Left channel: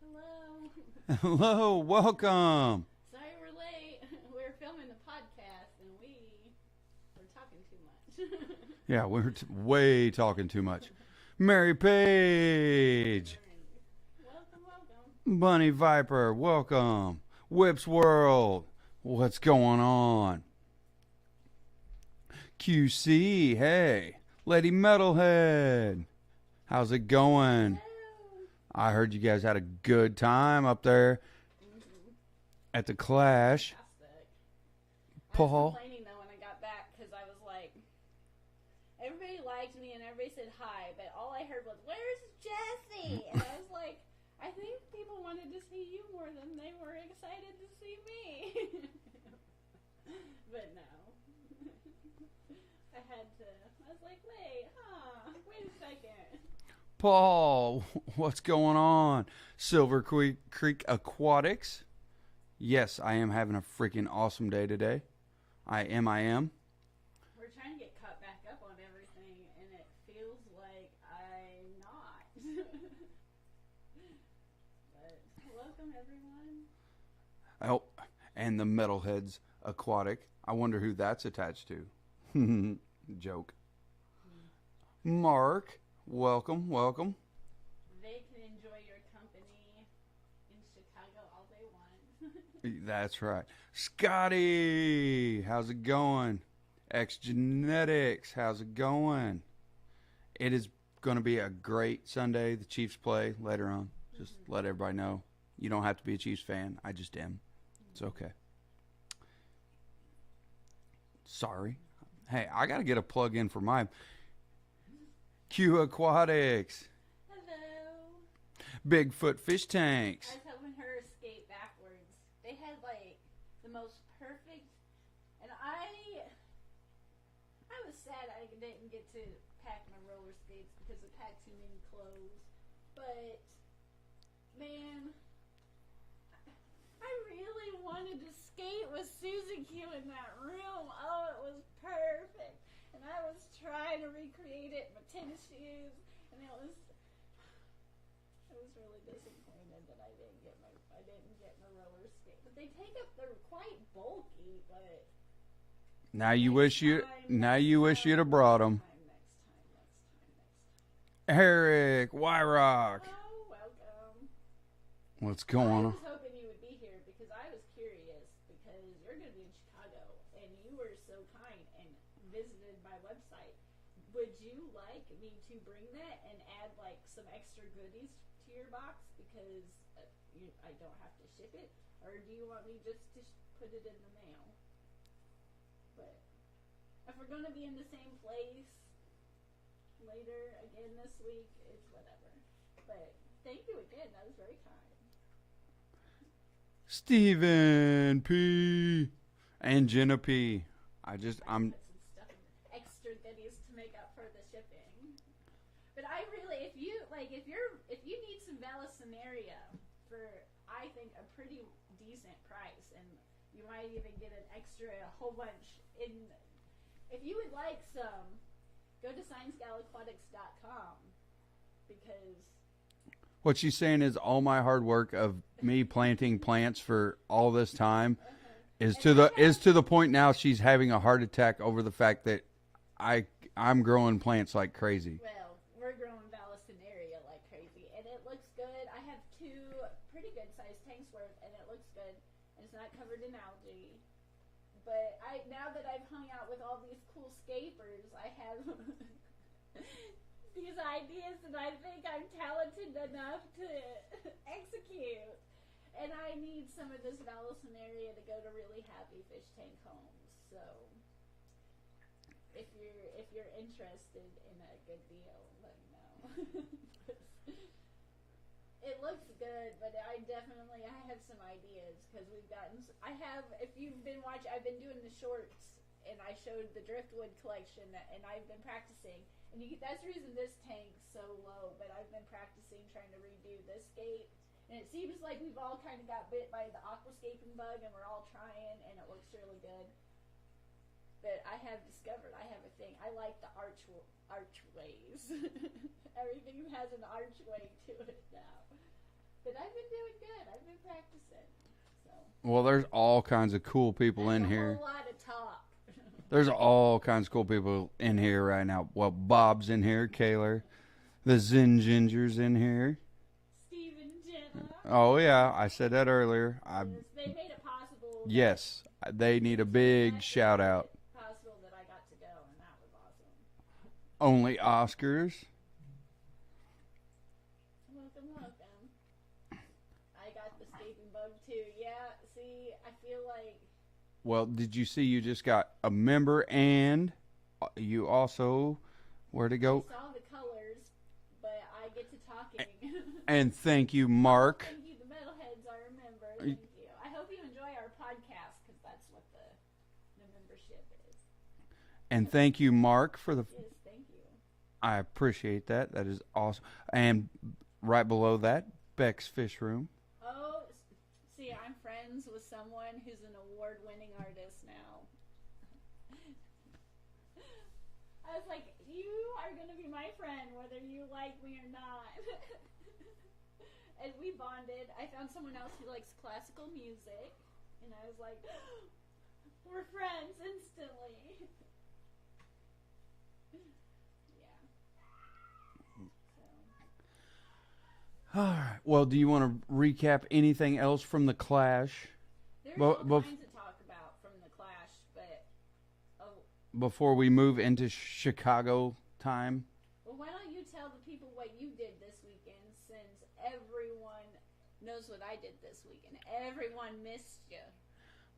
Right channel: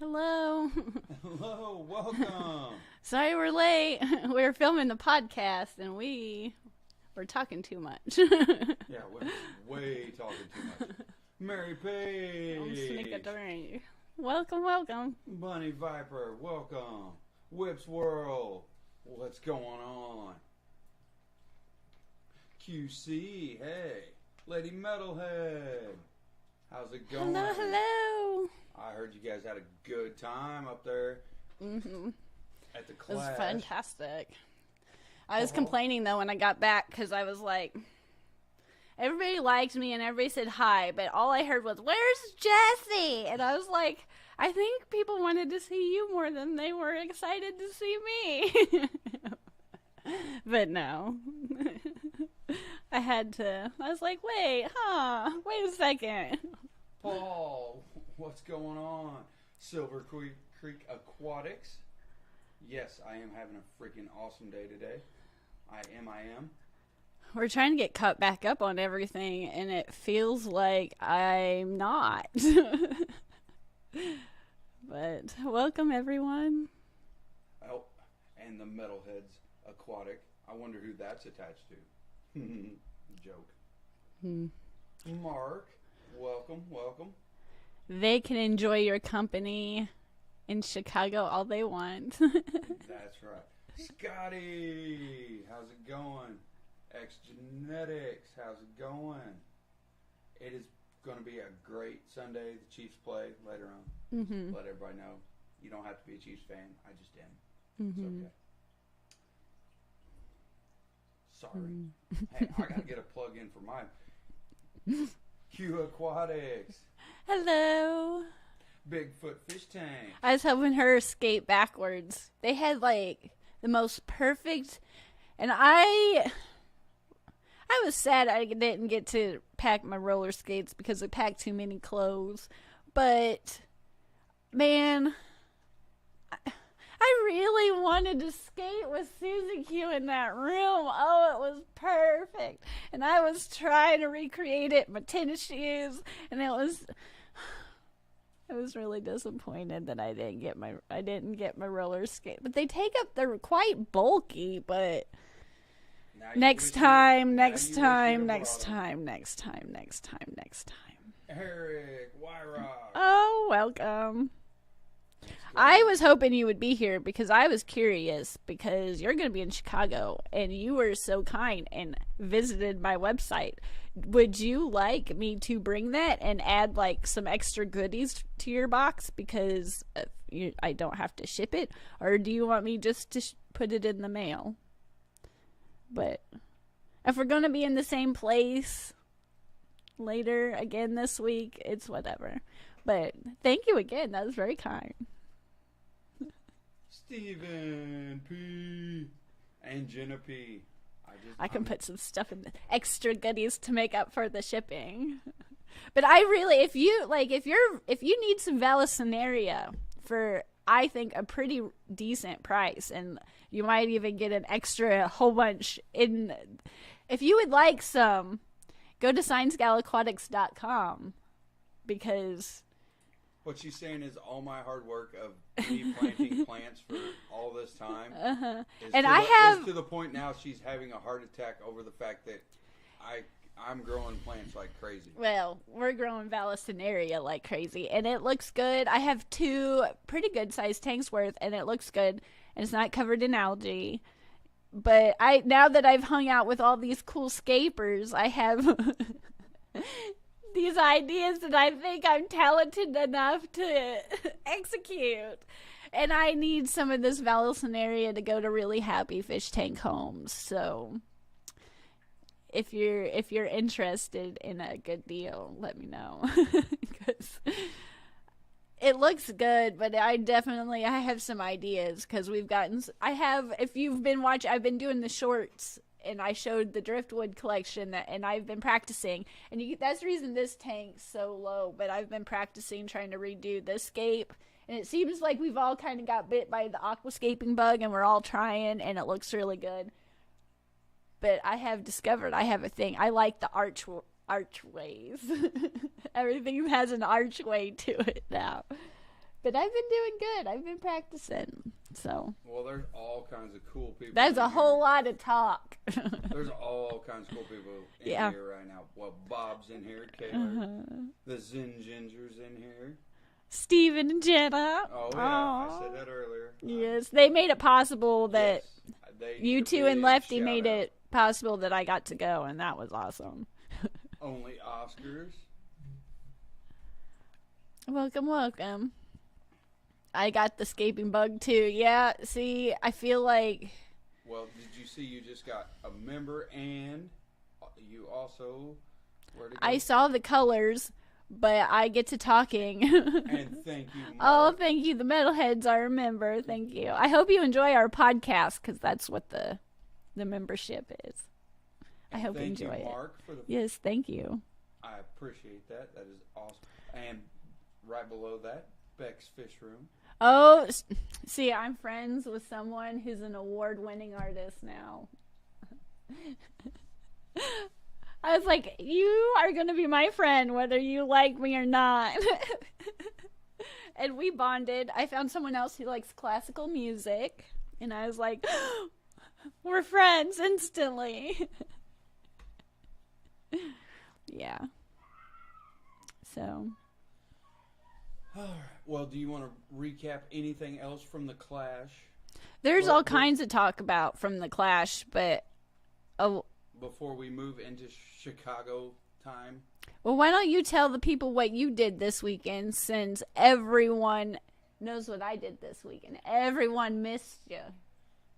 Hello. Hello, welcome. Sorry we're late. We were filming the podcast and we were talking too much. Yeah, we're way talking too much. Mary Page. Welcome. Bunny Viper, welcome. Whips World, what's going on? QC, hey. Lady Metalhead, how's it going? Hello. I heard you guys had a good time up there at the Clash. Fantastic. I was complaining though when I got back because I was like, everybody liked me and everybody said hi, but all I heard was, "Where's Jesse?" And I was like, I think people wanted to see you more than they were excited to see me. But no. I was like, wait a second. Paul, what's going on? Silver Creek Aquatics. Yes, I am having a freaking awesome day today. I am. We're trying to get caught back up on everything, and it feels like I'm not. But welcome, everyone. Oh, and the Metalheads Aquatic. I wonder who that's attached to. Joke. Mark, welcome. They can enjoy your company in Chicago all they want. That's right. Scotty, how's it going? X Genetics, how's it going? It is going to be a great Sunday. The Chiefs play later on. Just let everybody know. You don't have to be a Chiefs fan. I just am. It's okay. Sorry. Hey, I got to get a plug in for mine. Q Aquatics. Hello. Bigfoot Fish Tanks. I was helping her skate backwards. They had like the most perfect, and I was sad I didn't get to pack my roller skates because I packed too many clothes. But man, I really wanted to skate with Susie Q in that room. Oh, it was perfect. And I was trying to recreate it in my tennis shoes, and I was really disappointed that I didn't get my roller skate. But they take up, they're quite bulky, but Now you next wish time. Next time. Eric Wyrock. Oh, welcome. What's going I on? was hoping you would be here because I was curious because you're going to be in Chicago and you were so kind and visited my website. Would you like me to bring that and add like some extra goodies to your box because I don't have to ship it? Or do you want me just to put it in the mail? But if we're going to be in the same place later again this week, it's whatever. But thank you again. That was very kind. Stephen P. and Jenna P. I can put some stuff in the extra goodies to make up for the shipping. But I really, if you need some Vallisneria for, I think, a pretty decent price, and you might even get an extra whole bunch in. If you would like some, go to ScienceGalAquatics.com because What she's saying is all my hard work of me planting plants for all this time is to the point now she's having a heart attack over the fact that I'm growing plants like crazy. Well, we're growing Vallisneria like crazy, and it looks good. I have 2 pretty good sized tanks worth, and it looks good, and it's not covered in algae. But now that I've hung out with all these cool scapers, I have these ideas that I think I'm talented enough to execute. And I need some of this Vallisneria to go to really happy fish tank homes. So if you're interested in a good deal, let me know. Because it looks good, but I have some ideas because if you've been watching, I've been doing the shorts and I showed the driftwood collection and I've been practicing, and that's the reason this tank's so low, but I've been practicing trying to redo the scape, and it seems like we've all kind of got bit by the aquascaping bug and we're all trying, and it looks really good. But I have discovered I have a thing. I like the archways. Everything has an archway to it now. But I've been doing good. I've been practicing. So. Well, there's all kinds of cool people That's in here. a whole lot of talk. There's all kinds of cool people in here right now. Well, Bob's in here, Kaylor. The Zen Ginger's in here. Steven and Jenna. Oh, yeah. I said that earlier. Yes. They made it possible that yes, they need you a two big and Lefty shout made out. it possible that I got to go, and that was awesome. Only Oscars. Welcome, welcome. I got the escaping bug, too. Yeah, see, I feel like... Well, did you see you just got a member and you also... Where'd it go? I saw the colors, but I get to talking. And thank you, Mark. Oh, thank you. The Metalheads are a member. Thank you. I hope you enjoy our podcast, because that's what the membership is. And thank you, Mark, for the... Yes, thank you. I appreciate that. That is awesome. And right below that, Becks Fish Room. Oh, see, I'm friends with someone who's an award-winning artist now. I was like, you are going to be my friend, whether you like me or not. And we bonded. I found someone else who likes classical music. And I was like, we're friends instantly. Yeah. So. All right. Well, do you want to recap anything else from the Clash? There's all kinds to talk about from the Clash, but... Before we move into Chicago time? Well, why don't you tell the people what you did this weekend, since everyone knows what I did this weekend. Everyone missed you.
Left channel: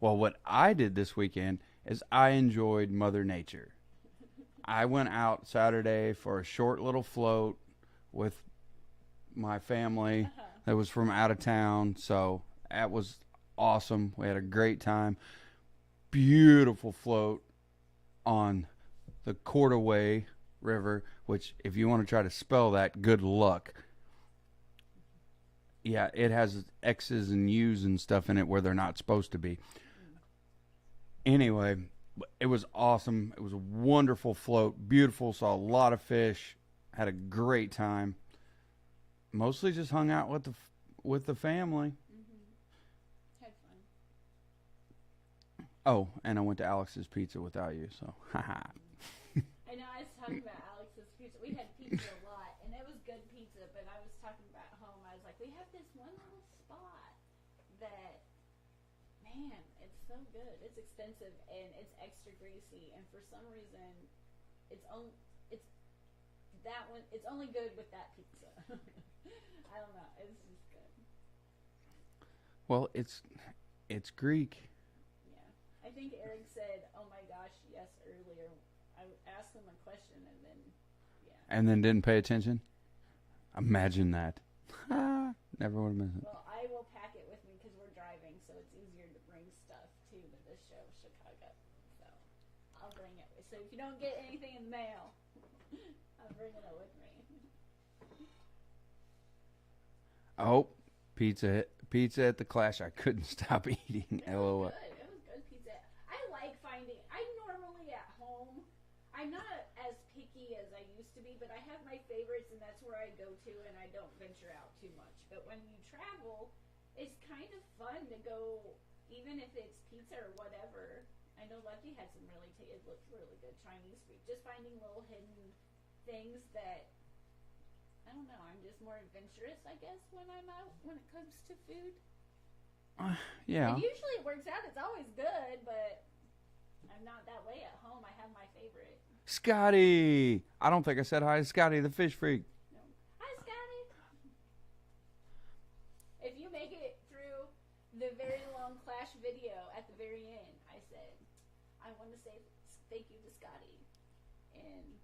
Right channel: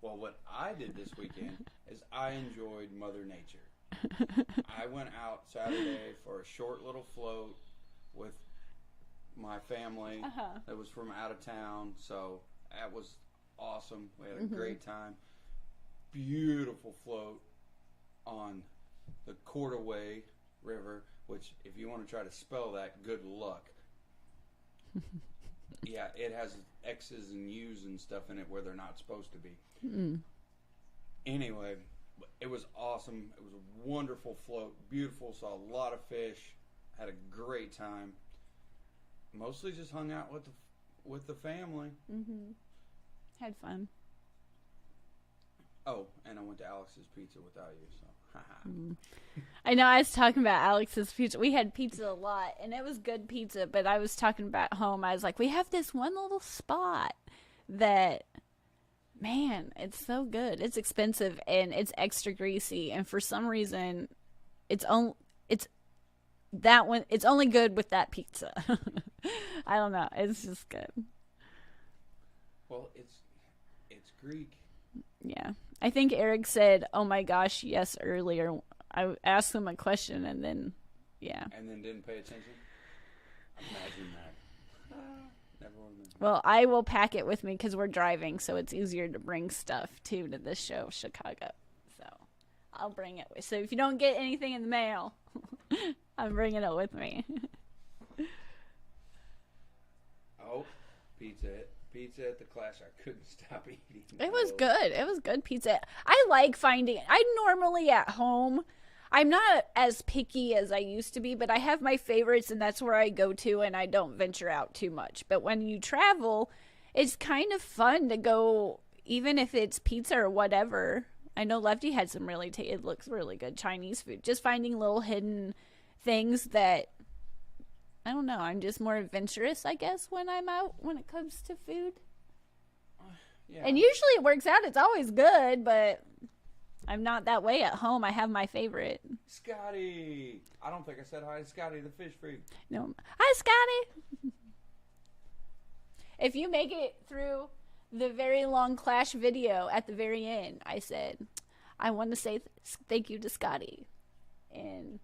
Well, what I did this weekend is I enjoyed Mother Nature. I went out Saturday for a short little float with my family that was from out of town, so that was awesome. We had a great time. Beautiful float on the Cordaway River, which if you want to try to spell that, good luck. Yeah, it has X's and U's and stuff in it where they're not supposed to be. Anyway, it was awesome. It was a wonderful float. Beautiful. Saw a lot of fish. Had a great time. Mostly just hung out with the family. Had fun. Oh, and I went to Alex's Pizza without you, so I know, I was talking about Alex's pizza. We had pizza a lot, and it was good pizza, but I was talking about home. I was like, we have this one little spot that, man, it's so good. It's expensive, and it's extra greasy, and for some reason, it's only good with that pizza. I don't know. It's just good. Well, it's Greek. Yeah. I think Eric said, oh my gosh, yes, earlier. I asked him a question and then, yeah. And then didn't pay attention? Imagine that. Never would have been. Well, I will pack it with me because we're driving, so it's easier to bring stuff, too, to this show, Chicago. So I'll bring it. So if you don't get anything in the mail, I'm bringing it with me. Oh, pizza at the Clash. I couldn't stop eating. It was good. It was good pizza. I like finding... I normally at home... I'm not as picky as I used to be, but I have my favorites, and that's where I go to, and I don't venture out too much. But when you travel, it's kind of fun to go, even if it's pizza or whatever. I know Lefty had some it looks really good Chinese food. Just finding little hidden things that... I don't know. I'm just more adventurous, I guess, when I'm out when it comes to food. Yeah. And usually it works out. It's always good, but I'm not that way at home. I have my favorite. Scotty. I don't think I said hi to Scotty, the fish freak. No. Hi, Scotty. If you make it through the very long Clash video at the very end, I said, I want to say thank you to Scotty. And...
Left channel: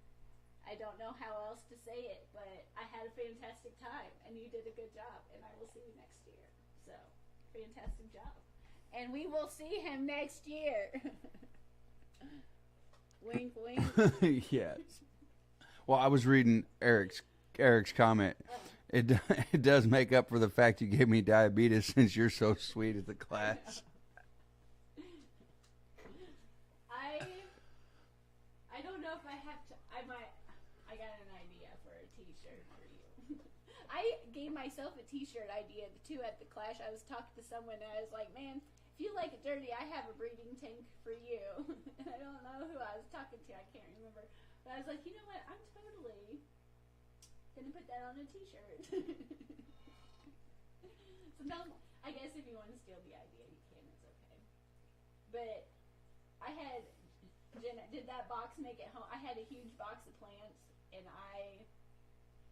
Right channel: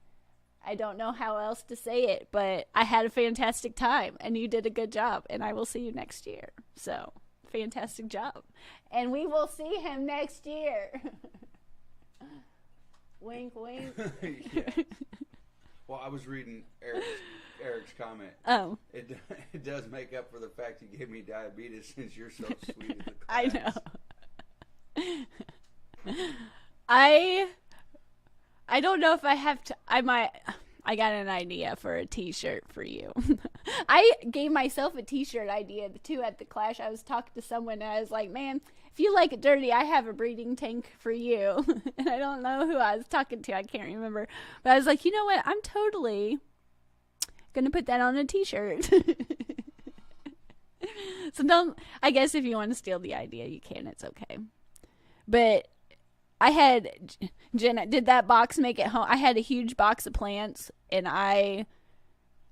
I don't know how else to say it, but I had a fantastic time, and you did a good job, and I will see you next year. So, fantastic job. And we will see him next year. Wink, wink. Yes. Well, I was reading Eric's comment. Oh. It does make up for the fact you gave me diabetes since you're so sweet at the class. I know. I don't know if I have to. I I got an idea for a t-shirt for you. I gave myself a t-shirt idea too at the Clash. I was talking to someone and I was like, man, if you like it dirty, I have a breeding tank for you. And I don't know who I was talking to. I can't remember. But I was like, you know what? I'm totally going to put that on a t-shirt. So don't, I guess if you want to steal the idea, you can. It's okay. But I had, Jenna, did that box make it home? I had a huge box of plants, and I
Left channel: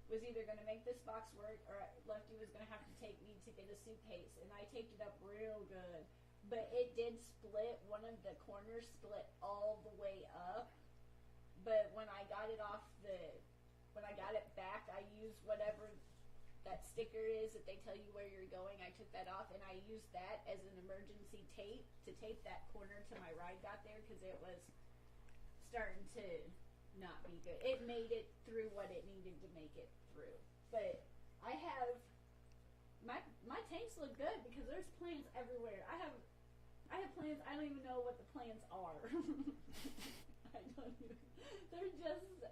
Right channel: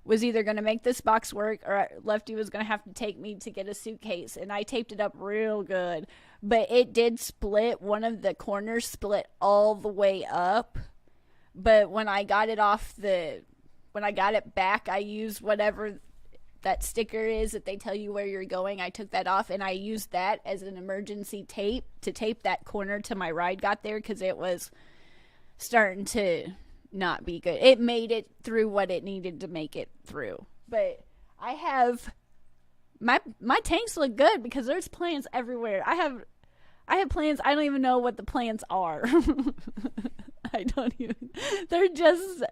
was either going to make this box work or Lefty was going to have to take me to get a suitcase, and I taped it up real good. But it did split. One of the corners split all the way up. But when I got it when I got it back, I used whatever that sticker is that they tell you where you're going. I took that off and I used that as an emergency tape to tape that corner till my ride got there, because it was starting to not be good. It made it through what it needed to make it through. But I have my tanks look good because there's plants everywhere. I have plants, I don't even know what the plants are. I don't even, they're just,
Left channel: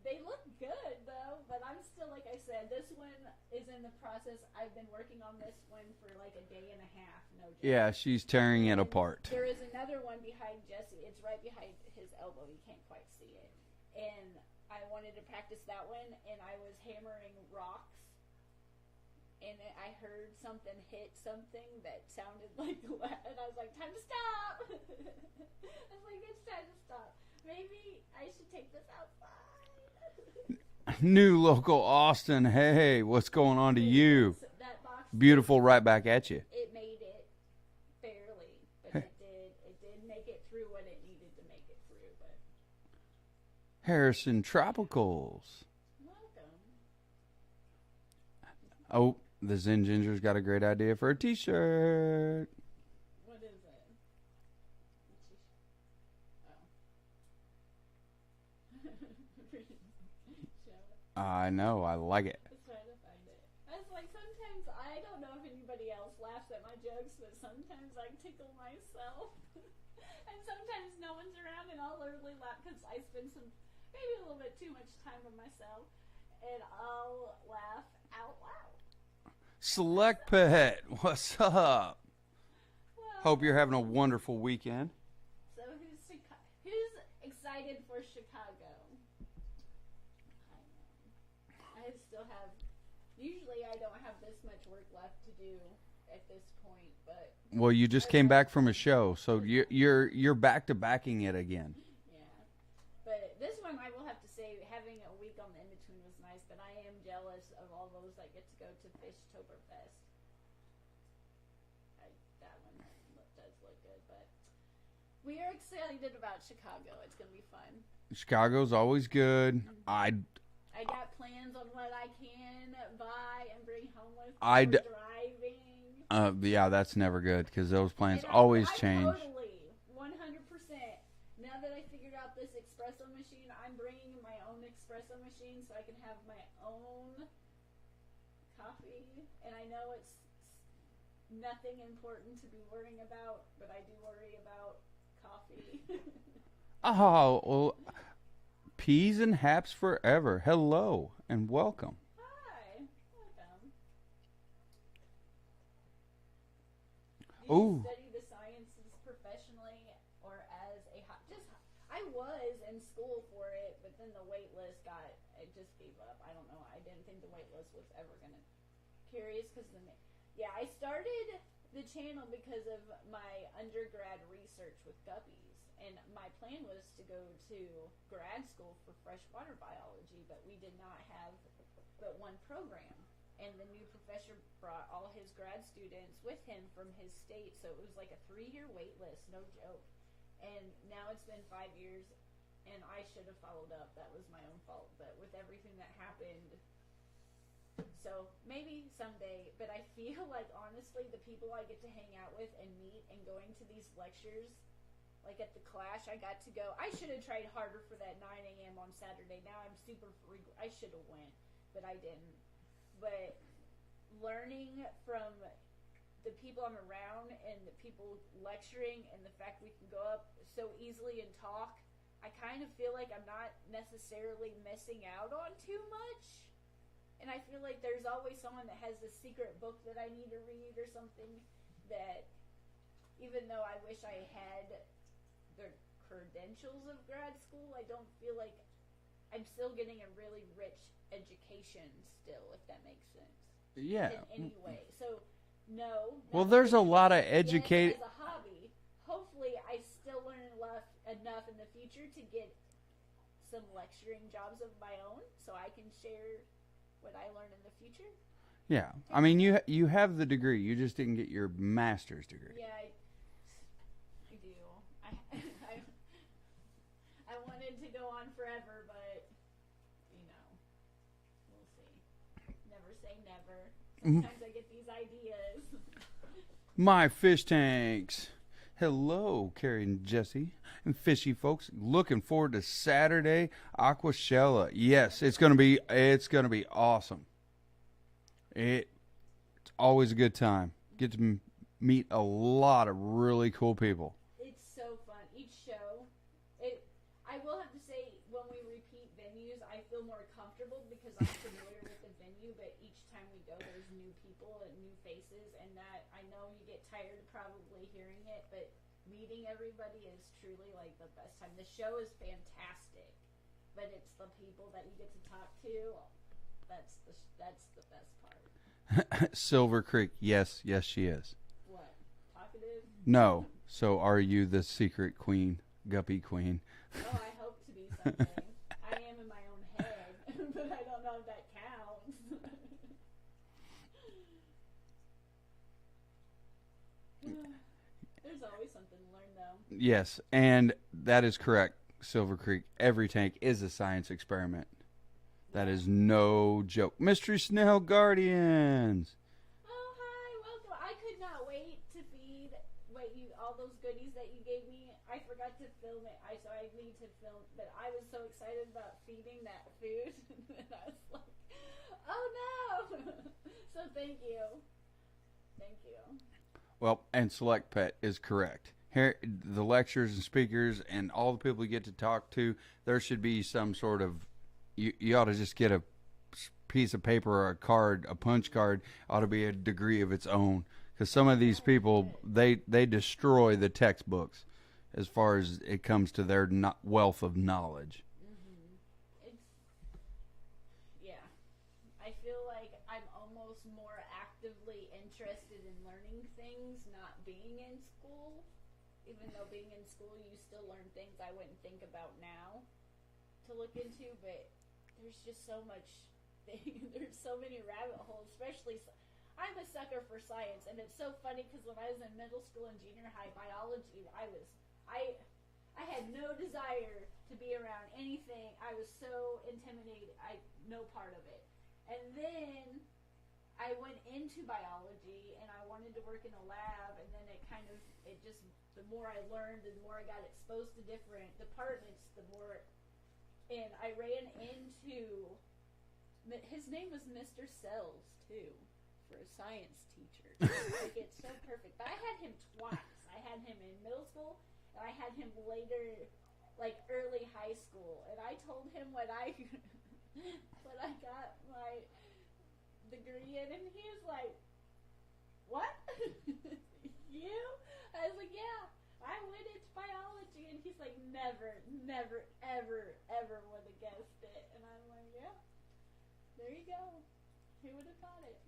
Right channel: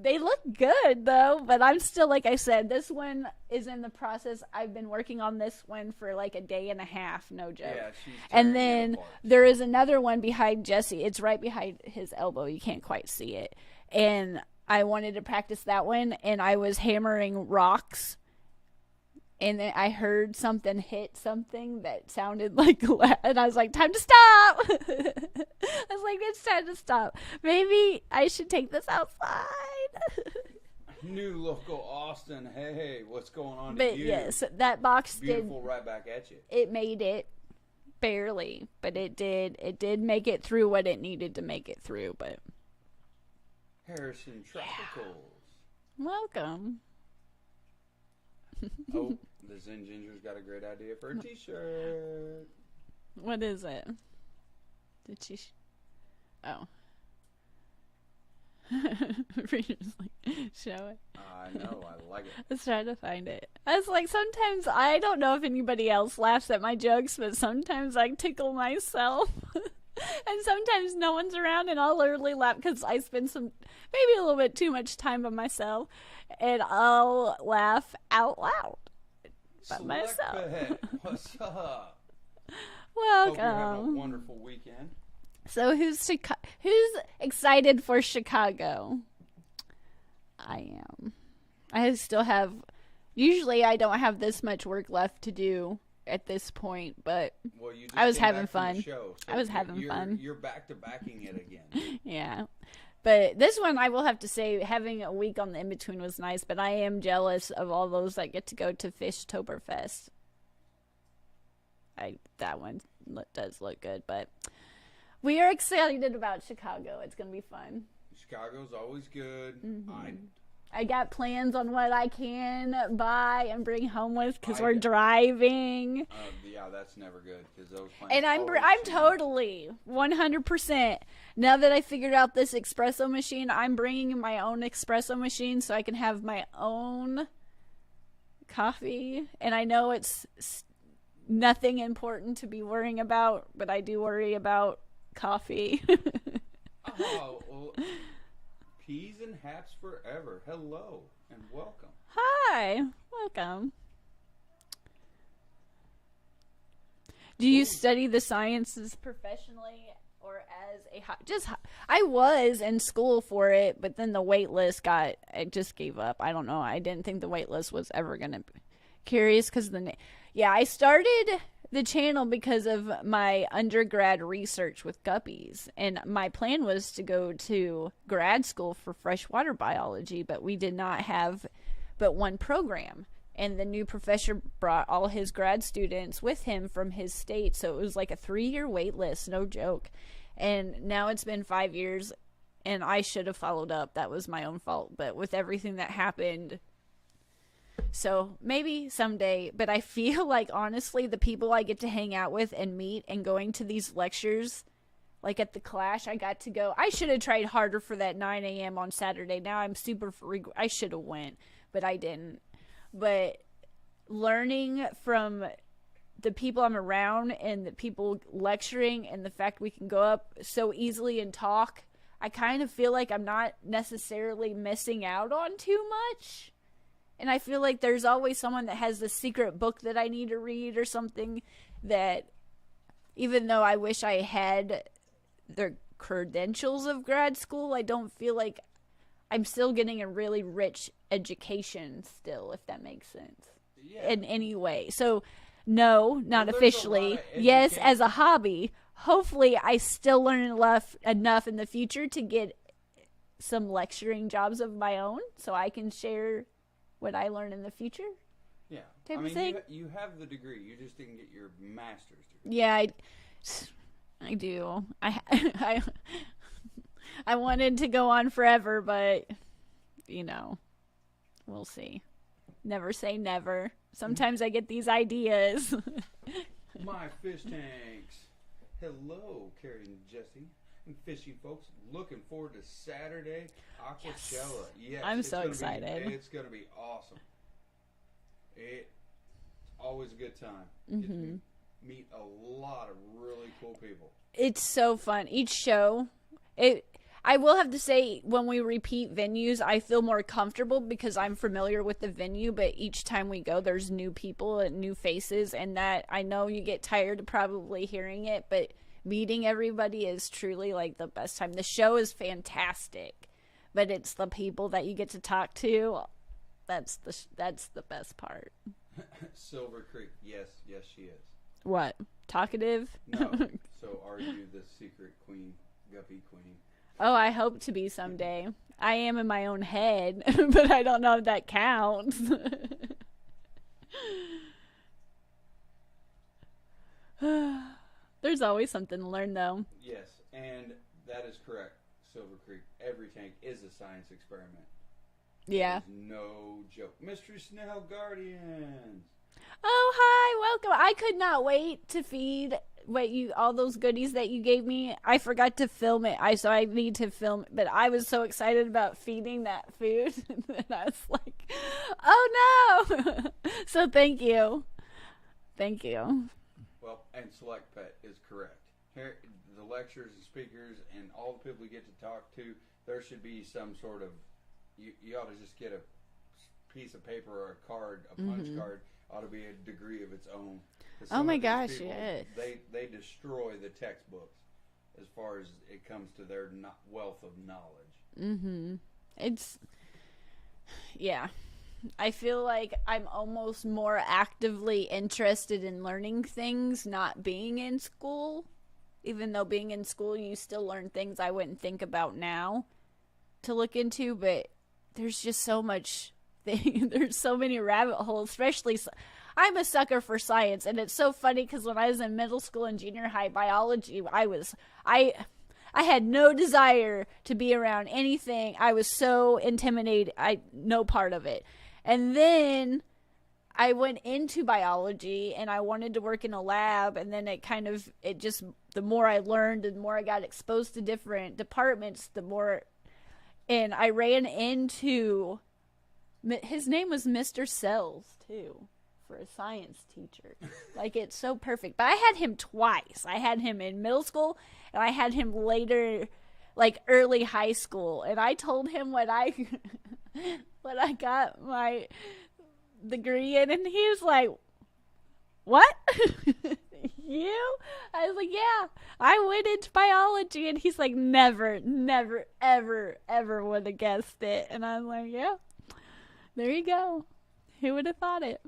they look good though, but I'm still, like I said, this one is in the process. I've been working on this one for like a day and a half, no joke. Yeah, she's tearing it apart. There is another one behind Jesse. It's right behind his elbow. You can't quite see it. And I wanted to practice that one, and I was hammering rocks, and then I heard something hit something that sounded like, and I was like, time to stop. I was like, it's time to stop. Maybe I should take this outside. New local Austin. Hey, what's going on to you? Yes, that box. Beautiful, right back at you. It made it barely, but it did make it through what it needed to make it through. But Harrison Tropicals. Welcome. Oh, the Zen Ginger's got a great idea for a t-shirt. What is it? Did she? Oh. Reader's like, show it. I know, I like it. Let's try to find it. I was like, sometimes, I don't know if anybody else laughs at my jokes, but sometimes I tickle myself. And sometimes no one's around, and I'll literally laugh because I spend maybe a little bit too much time by myself, and I'll laugh out loud. Select Pet, what's up? Welcome. Hope you're having a wonderful weekend. So who's excited for Chicago? I am. I still have. Usually, I don't have this much work left to do at this point, but well, you just came back from a show, so you're back to backing it again. Yeah, but this one I will have to say, having a week on the in between was nice. But I am jealous of all those that get to go to Fishtoberfest. That one does look good, but. We are excited about Chicago. It's going to be fun. Chicago's always good. Mm-hmm. I got plans on what I can buy and bring home with because we're driving. Yeah, that's never good because those plans and always change. I'm totally 100%. Now that I figured out this espresso machine, I'm bringing my own espresso machine so I can have my own coffee. And I know it's nothing important to be worrying about, but I do worry about coffee. Oh, well, peas and haps forever. Hello and welcome. Hi, welcome. Do you study the sciences professionally or as a I was in school for it, but then the wait list I just gave up. I don't know. I didn't think the wait list was ever going to be curious because I started the channel because of my undergrad research with guppies, and my plan was to go to grad school for freshwater biology, but we did not have but one program, and the new professor brought all his grad students with him from his state, so it was like a 3-year wait list, no joke. And now it's been 5 years, and I should have followed up. That was my own fault, but with everything that happened. So maybe someday, but I feel like honestly the people I get to hang out with and meet and going to these lectures, like at the Clash, I got to go. I should have tried harder for that 9 a.m. on Saturday. Now I'm I should have went, but I didn't. But learning from the people I'm around and the people lecturing and the fact we can go up so easily and talk, I kind of feel like I'm not necessarily missing out on too much. And I feel like there's always someone that has the secret book that I need to read or something, that even though I wish I had the credentials of grad school, I don't feel like I'm still getting a really rich education still, if that makes sense. Yeah. In any way. So, no, not there's officially. A lot of yes, as a hobby. Hopefully, I still learn enough in the future to get some lecturing jobs of my own, so I can share what I learn in the future. Yeah, I mean, you have the degree. You just didn't get your master's degree. Yeah, I do. I wanted to go on forever, but we'll see. Never say never. Sometimes I get these ideas. My fish tanks. Hello, Kerri and Jesse and fishy folks. Looking forward to Saturday, Aquahsella. Yes, it's gonna be awesome. It's always a good time. Get to meet a lot of really cool people. It's so fun. Each show, I will have to say, when we repeat venues, I feel more comfortable because I'm familiar with the venue, but each time we go, there's new people and new faces, and that I know you get tired of probably hearing it, but meeting everybody is truly like the best time. The show is fantastic, but it's the people that you get to talk to. That's the best part. Silver Creek. Yes, she is. What? Talkative? No. So are you the secret queen, guppy queen? Oh, I hope to be someday. I am in my own head, but I don't know if that counts. There's always something to learn, though. Yes, and that is correct, Silver Creek. Every tank is a science experiment. Yeah. That is no joke. Mystery Snail Guardians. Oh, hi, welcome. I could not wait to feed all those goodies that you gave me. I forgot to film it. So I need to film it, but I was so excited about feeding that food that I was like, oh no. So thank you. Well, and Select Pet is correct. Here, the lecturers and speakers and all the people you get to talk to, there should be some sort of, you ought to just get a piece of paper or a card, a punch card, ought to be a degree of its own. Because some of these people, they destroy the textbooks as far as it comes to their wealth of knowledge. I feel like I'm almost more actively interested in learning things not being in school. Even though being in school, you still learn things I wouldn't think about now to look into. But there's just so much there's so many rabbit holes, especially I'm a sucker for science, and it's so funny because when I was in middle school and junior high biology, I had no desire to be around anything. I was so intimidated. No part of it. And then I went into biology and I wanted to work in a lab, and then the more I learned, the more I got exposed to different departments, and I ran into, his name was Mr. Sells too, for a science teacher. Like, it's so perfect. But I had him twice. I had him in middle school, and I had him later, like early high school. And I told him what I got my degree in, and he was like, "What? You?" I was like, "Yeah, I went into biology." And he's like, "Never, ever would have guessed it." And I'm like, "Yeah, there you go. Who would have thought it?"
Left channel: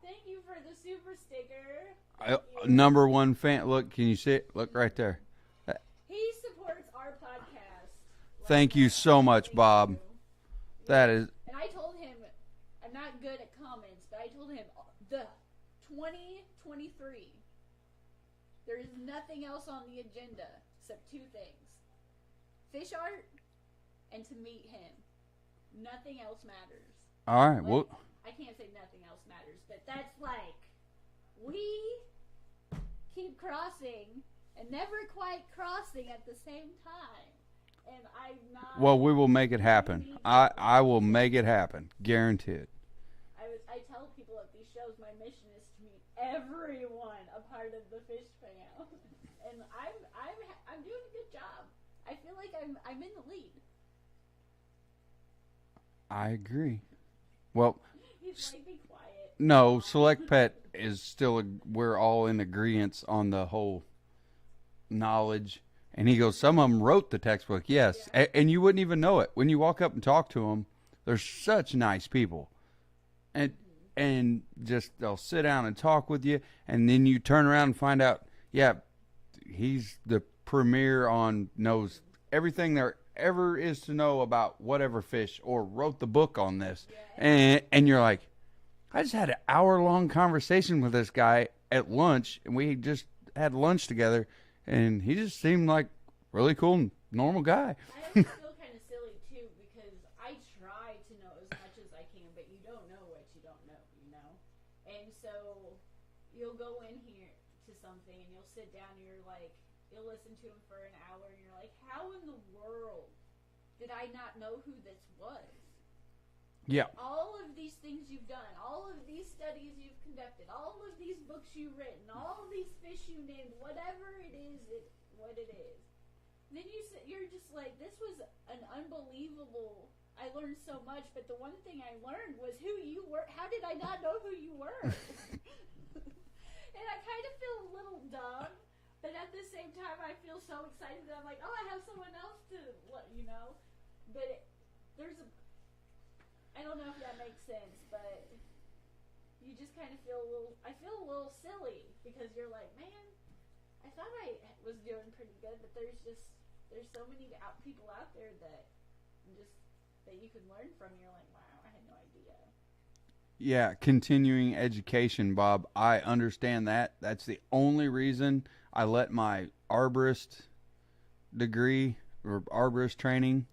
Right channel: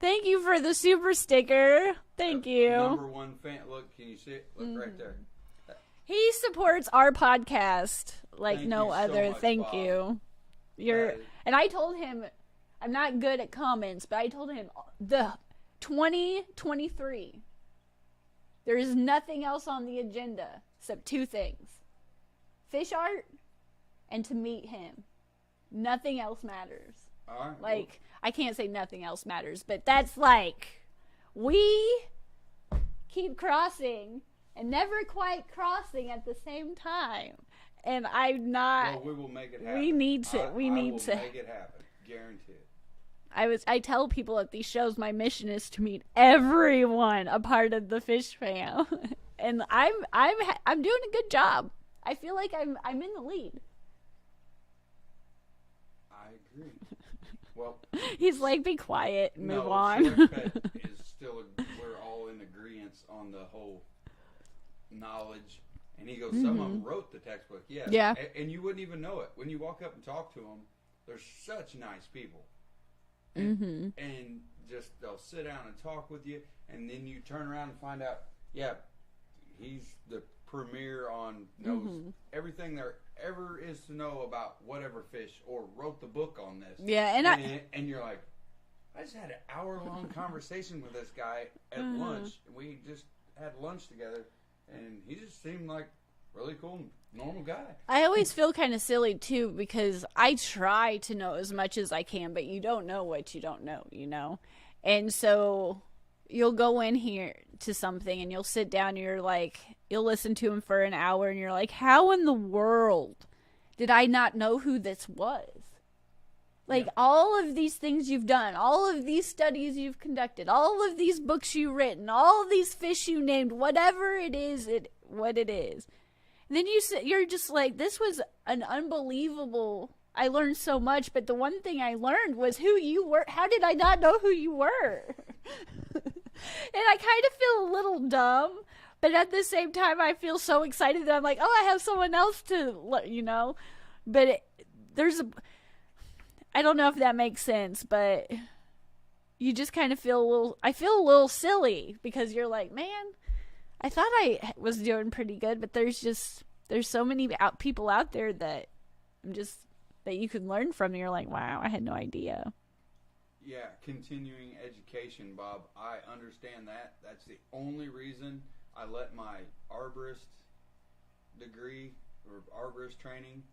Thank you for the super sticker. Thank you. Number one fan. Look, can you see it? Look right there. He supports our podcast. Like Thank no you so other. much, Thank Bob. You. And I told him, I'm not good at comments, but I told him the 2023. There is nothing else on the agenda except two things: fish art and to meet him. Nothing else matters. All right. Like, well, I can't say nothing else matters, but that's like, we keep crossing and never quite crossing at the same time. And I'm not. Well, we will make it happen. We need to. I will make it happen. Guaranteed. I tell people at these shows my mission is to meet everyone a part of the fish fam, and I'm doing a good job. I feel like I'm in the lead. I agree. Well, he's like, be quiet. No, Select Pet is still. We're all in agreement on the whole knowledge. And he goes, some of them wrote the textbook, yes. Yeah. And you wouldn't even know it when you walk up and talk to them. They're such nice people, and just they'll sit down and talk with you, and then you turn around and find out, yeah, he's the premier on knows everything there ever is to know about whatever fish, or wrote the book on this. Yeah, and you're like, I just had an hour-long conversation with this guy at lunch, and we just had lunch together, and he just seemed like really cool and normal guy. I always feel kind of silly too, because I try to know as much as I can, but you don't know what you don't know, you know? And so you'll go in here to something and you'll sit down and you're like, you'll listen to him for an hour and you're like, how in the world did I not know who this was? Like, all of these things you've done, all of these studies you've conducted, all of these books you've written, all of these fish you named, whatever it is, what it is. And then you're just like, this was an unbelievable, I learned so much, but the one thing I learned was who you were. How did I not know who you were? And I kind of feel a little dumb, but at the same time, I feel so excited that I'm like, oh, I have someone else to, you know, but I don't know if that makes sense, but you just kind of I feel a little silly, because you're like, man, I thought I was doing pretty good, but there's so many people out there that you can learn from. And you're like, wow, I had no idea. Yeah, continuing education, Bob. I understand that. That's the only reason I let my arborist degree or arborist training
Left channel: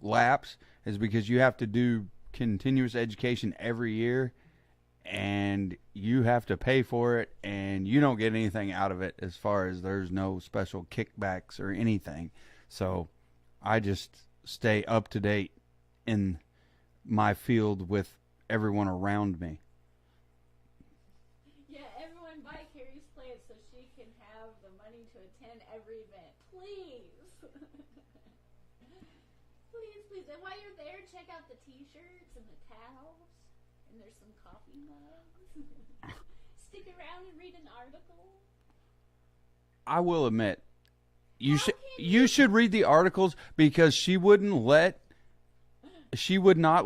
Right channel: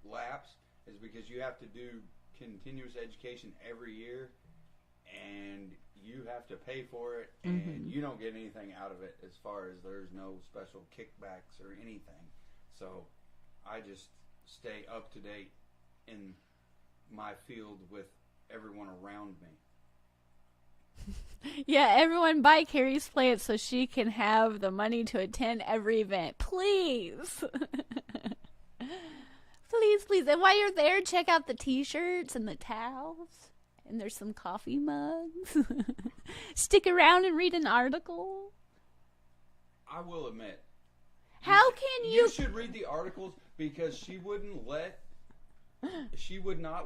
lapse, is because you have to do continuous education every year, and you have to pay for it, and you don't get anything out of it, as far as there's no special kickbacks or anything. So I just stay up to date in my field with everyone around me. Yeah, everyone buy Kerri's plants so she can have the money to attend every event. Please. Please. And while you're there, check out the t-shirts and the towels. And there's some coffee mugs. Stick around and read an article. I will admit, you should read the articles, because she would not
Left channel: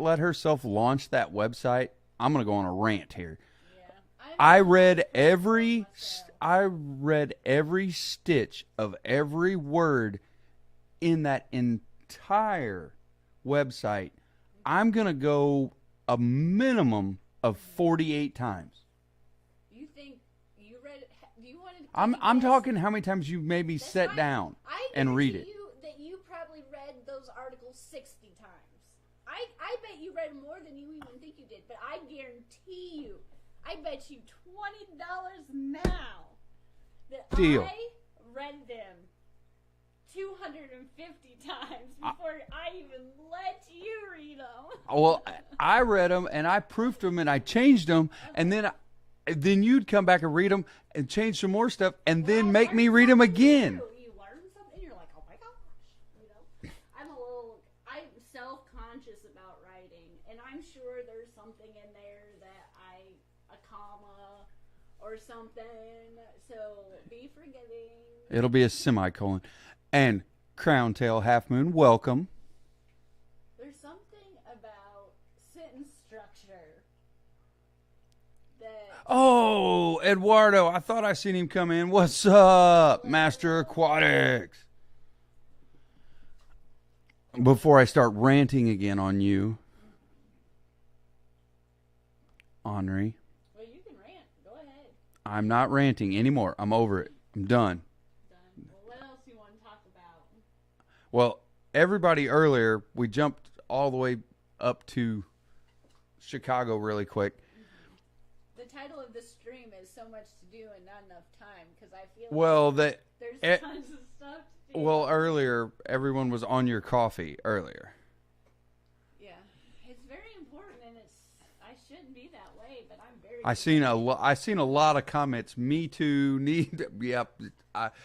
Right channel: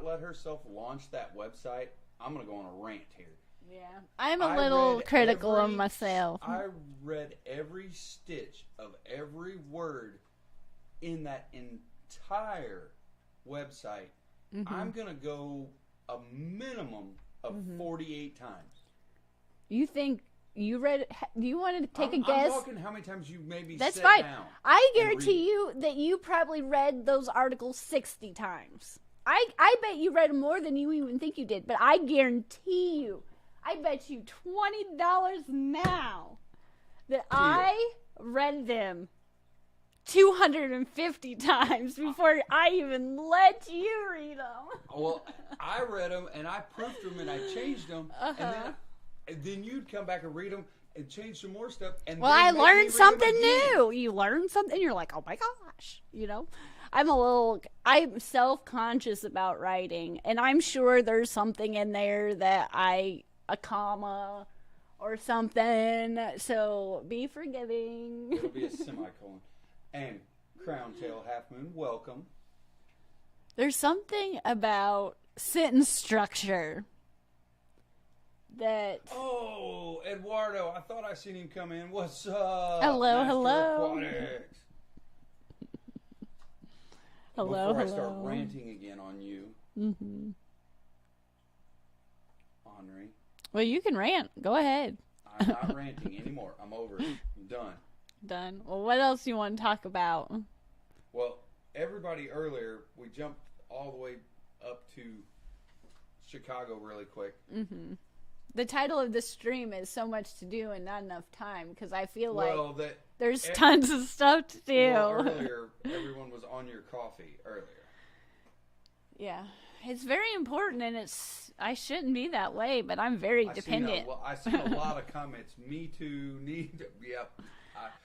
let herself launch that website. I'm going to go on a rant here. Yeah. I read every stitch of every word in that entire website. I'm going to go a minimum of 48 times. You think you read it? Do you want to take a guess? I'm talking how many times you maybe sat down. I guarantee you that you probably read those articles 60 times. I bet you read more than you even think you did, but I guarantee you, I bet you $20 now that I read them 250 times before I even let you read them. Well, I read them and I proofed them and I changed them, and then you'd come back and read them and change some more stuff, and then make me read them again. New. You learn something, you're like, oh my gosh, you know. I'm self-conscious about writing, and I'm sure there's something in there that a comma or something, so be forgiving. It'll be a semicolon. And Crown Tail Half Moon, welcome. There's something about sentence structure that... Oh, Eduardo, I thought I seen him come in. What's up, hello, Master Aquatics? Hello, Before I start ranting again on you, Henri. Well, you can rant. Go ahead. I'm not ranting anymore. I'm over it. I'm done. Done. Well, what else do you want to talk about? Well, everybody earlier, we jumped all the way up to Chicago really quick. The title of this stream is So Much to Do and Not Enough Time, because I feel like there's tons of stuff to do. Well, earlier, everyone was on your coffee earlier. Yeah. It's very important, and I shouldn't be that way, but I'm very I seen a lot of comments. Me too. Yep.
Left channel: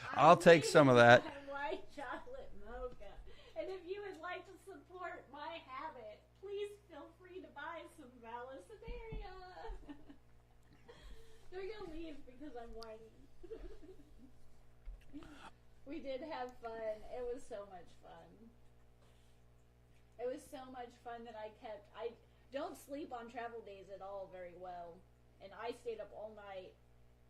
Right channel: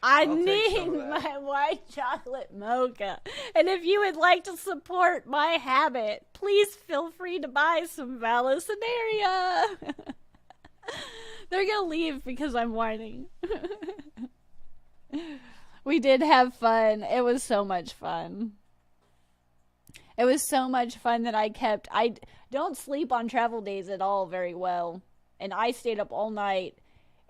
I'll take some of that. My white chocolate mocha. And if you would like to support my habit, please feel free to buy some Vallisneria. They're going to leave because I'm whining. We did have fun. It was so much fun. It was so much fun that I don't sleep on travel days at all very well. And I stayed up all night.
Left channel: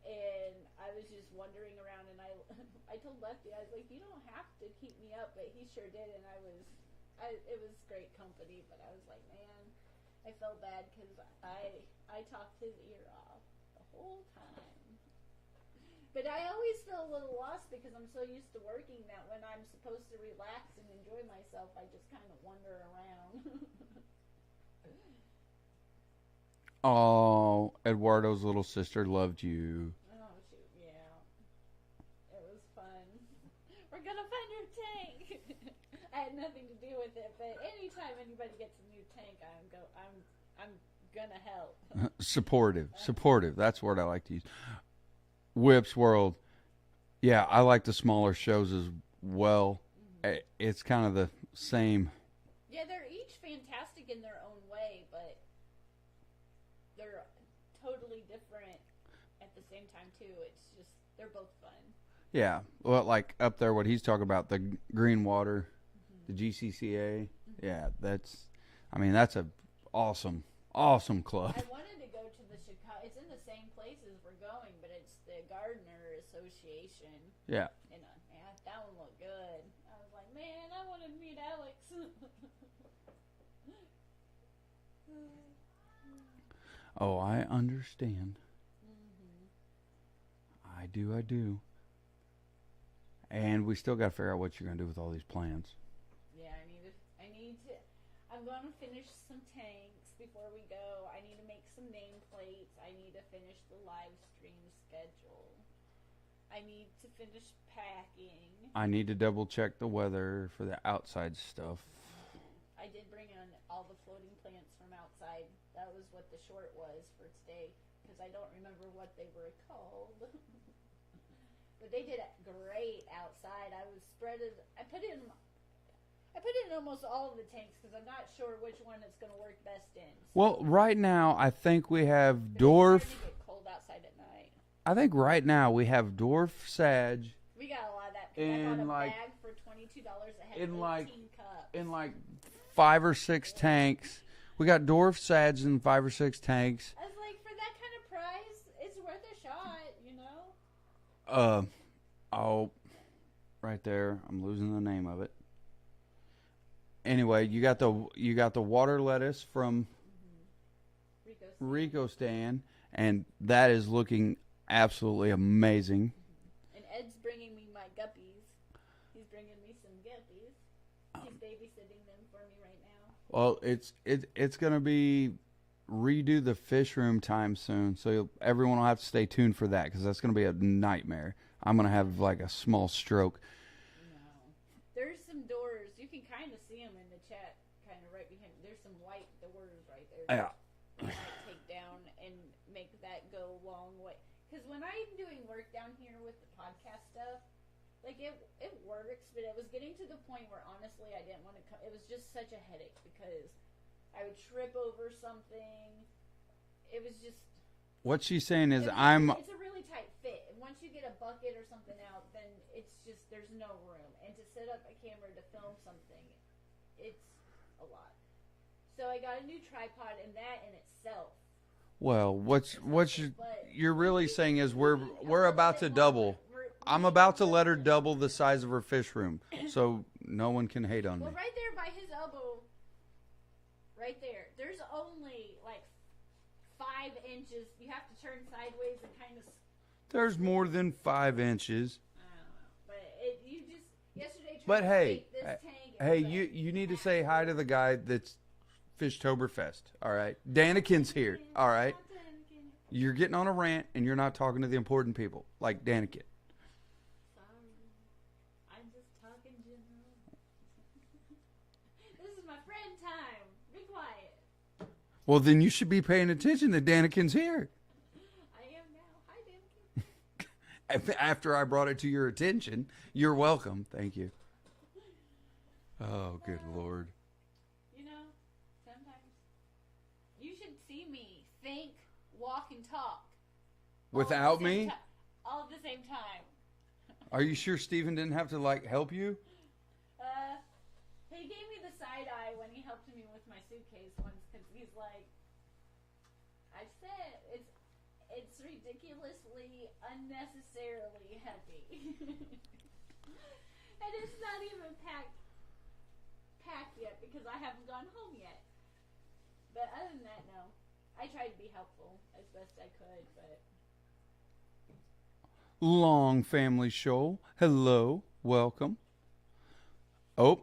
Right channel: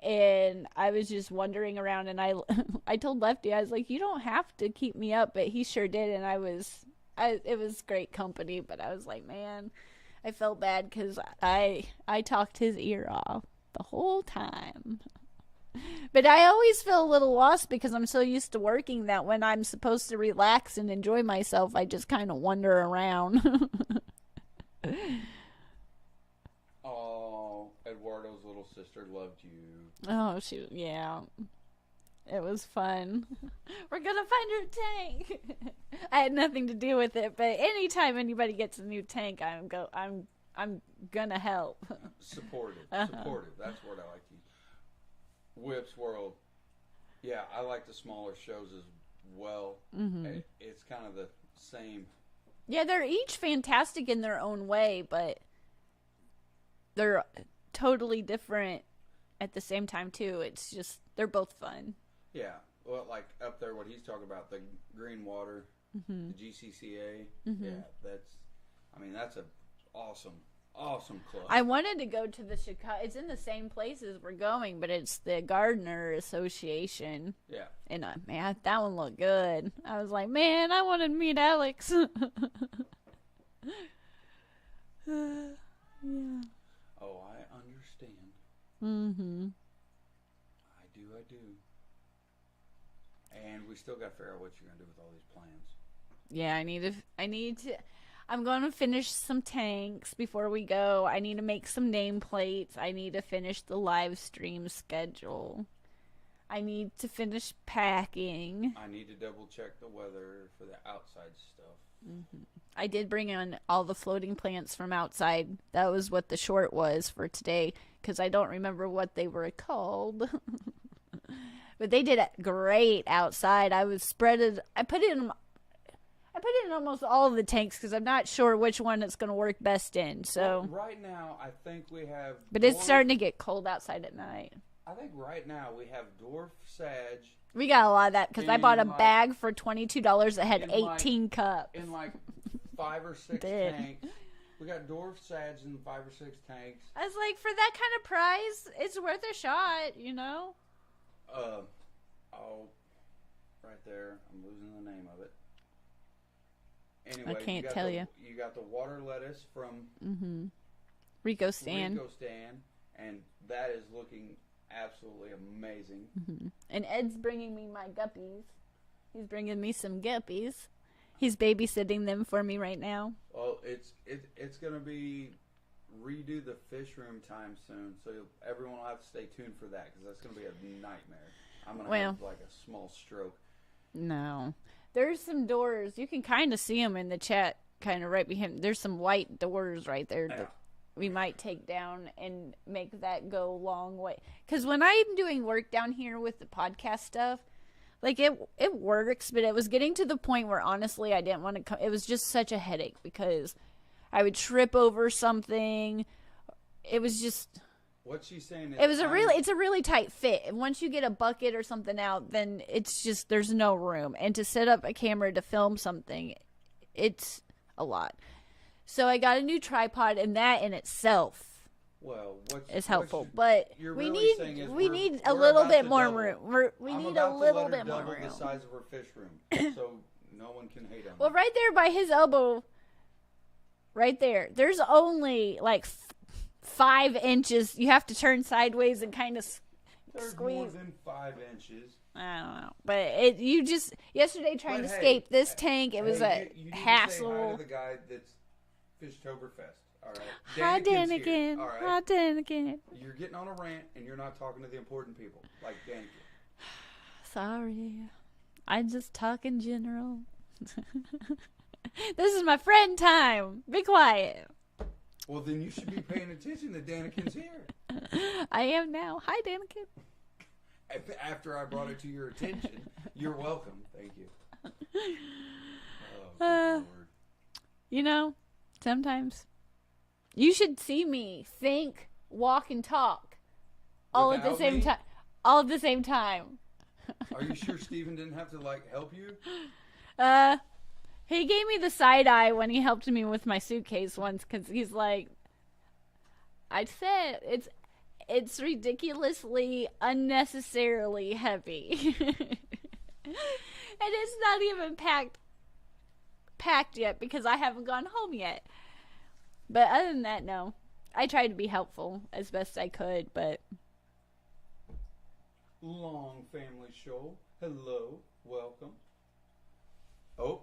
And I was just wandering around, and I told Lefty, I was like, you don't have to keep me up, but he sure did, and it was great company, but I was like, man, I felt bad because I talked his ear off the whole time. But I always feel a little lost because I'm so used to working that when I'm supposed to relax and enjoy myself, I just kind of wander around. Oh, Eduardo's little sister loved you. Oh, yeah. It was fun. We're gonna find her tank. I had nothing to do with it, but anytime anybody gets a new tank, I'm gonna help. Supportive. That's the word I like to use. Whips World. Yeah, I like the smaller shows as well. Mm-hmm. It's kind of the same. Yeah, they're each fantastic in their own way, but they're totally different at the same time, too. It's just, they're both fun. Yeah. Well, like up there, what he's talking about, the Green Water, the GCCA. Mm-hmm. Yeah, that's a awesome club. I wanted to go to the Chicago. It's in the same places we're going, but it's the Gardener Association. Yeah. And, man, that one looked good. I was like, man, I want to meet Alex. Yeah. Oh, I understand. Mm-hmm. I do. And we still got to figure out what you're going to do with all these plans. Yeah, I need to. I'm going to finish some tanks before we go. I need to make some nameplates. I need to finish the live stream schedule. I need to finish packing. I need to double check the weather for the outside stuff. Mm-hmm. I did bring in all the floating plants from outside. That was what the short was for today, because I don't remember what they were called. But they did great outside. I put it in almost all of the tanks because I'm not sure which one it's going to work best in. So, well, right now I think we have. But it's starting to get cold outside at night. I think right now we have dwarf sage. We got a lot of that because I bought a bag for $22 that had 18 cups. In like 5 or 6 tanks. We got dwarf sage in 5 or 6 tanks. I was like, for that kind of price, it's worth a shot, you know? Right there. I'm losing the name of it. Anyway, you got the water lettuce from Rico Stan, and that is looking absolutely amazing. Mm-hmm. And Ed's bringing me my guppies. He's bringing me some guppies. He's babysitting them for me right now. Well, it's going to be redo the fish room time soon, so everyone will have to stay tuned for that because that's going to be a nightmare. I'm going to have like a small stroke. No. There's some doors. You can kind of see them in the chat, kind of right behind. There's some white doors right there. Yeah. We might take down and make that go a long way. Because when I'm doing work down here with the podcast stuff, like it works, but it was getting to the point where honestly I didn't want to come. It was just such a headache because I would trip over something. It was just. What she's saying is it's a really tight fit. And once you get a bucket or something out, then it's just there's no room. And to set up a camera to film something, it's a lot. So I got a new tripod, and that in itself. Well, what's helpful, but you're really saying is we're need a little about bit to more double. Room. I'm about to let her double the size of her fish room, so no one can hate on her. Well, right there by his elbow, right there, there's only like 5 inches. You have to turn sideways and kind of. There's more than 5 inches. I don't know, but you just yesterday trying to escape this tank. It was a you need hassle. to say hi to the guy that's Fishtoberfest. All right, Daniken's here. All right, hi, Daniken. You're getting on a rant and you're not talking to the important people like Daniken. Sorry, I just talk in general. This is my friend time. Be quiet. Well, then you should be paying attention that Daniken's here. I am now. Hi, Daniken. after I brought it to your attention. You're welcome. Thank you. Oh, good Lord. You know, sometimes you should see me think, walk, and talk all at the same time. All at the same time. Are you sure Steven didn't have to help you? He gave me the side eye when he helped me with my suitcase once, because he's like, I said it's ridiculously, unnecessarily heavy. And it's not even packed yet because I haven't gone home yet. But other than that, no. I tried to be helpful as best I could, but... Long Family Show. Hello. Welcome. Oh.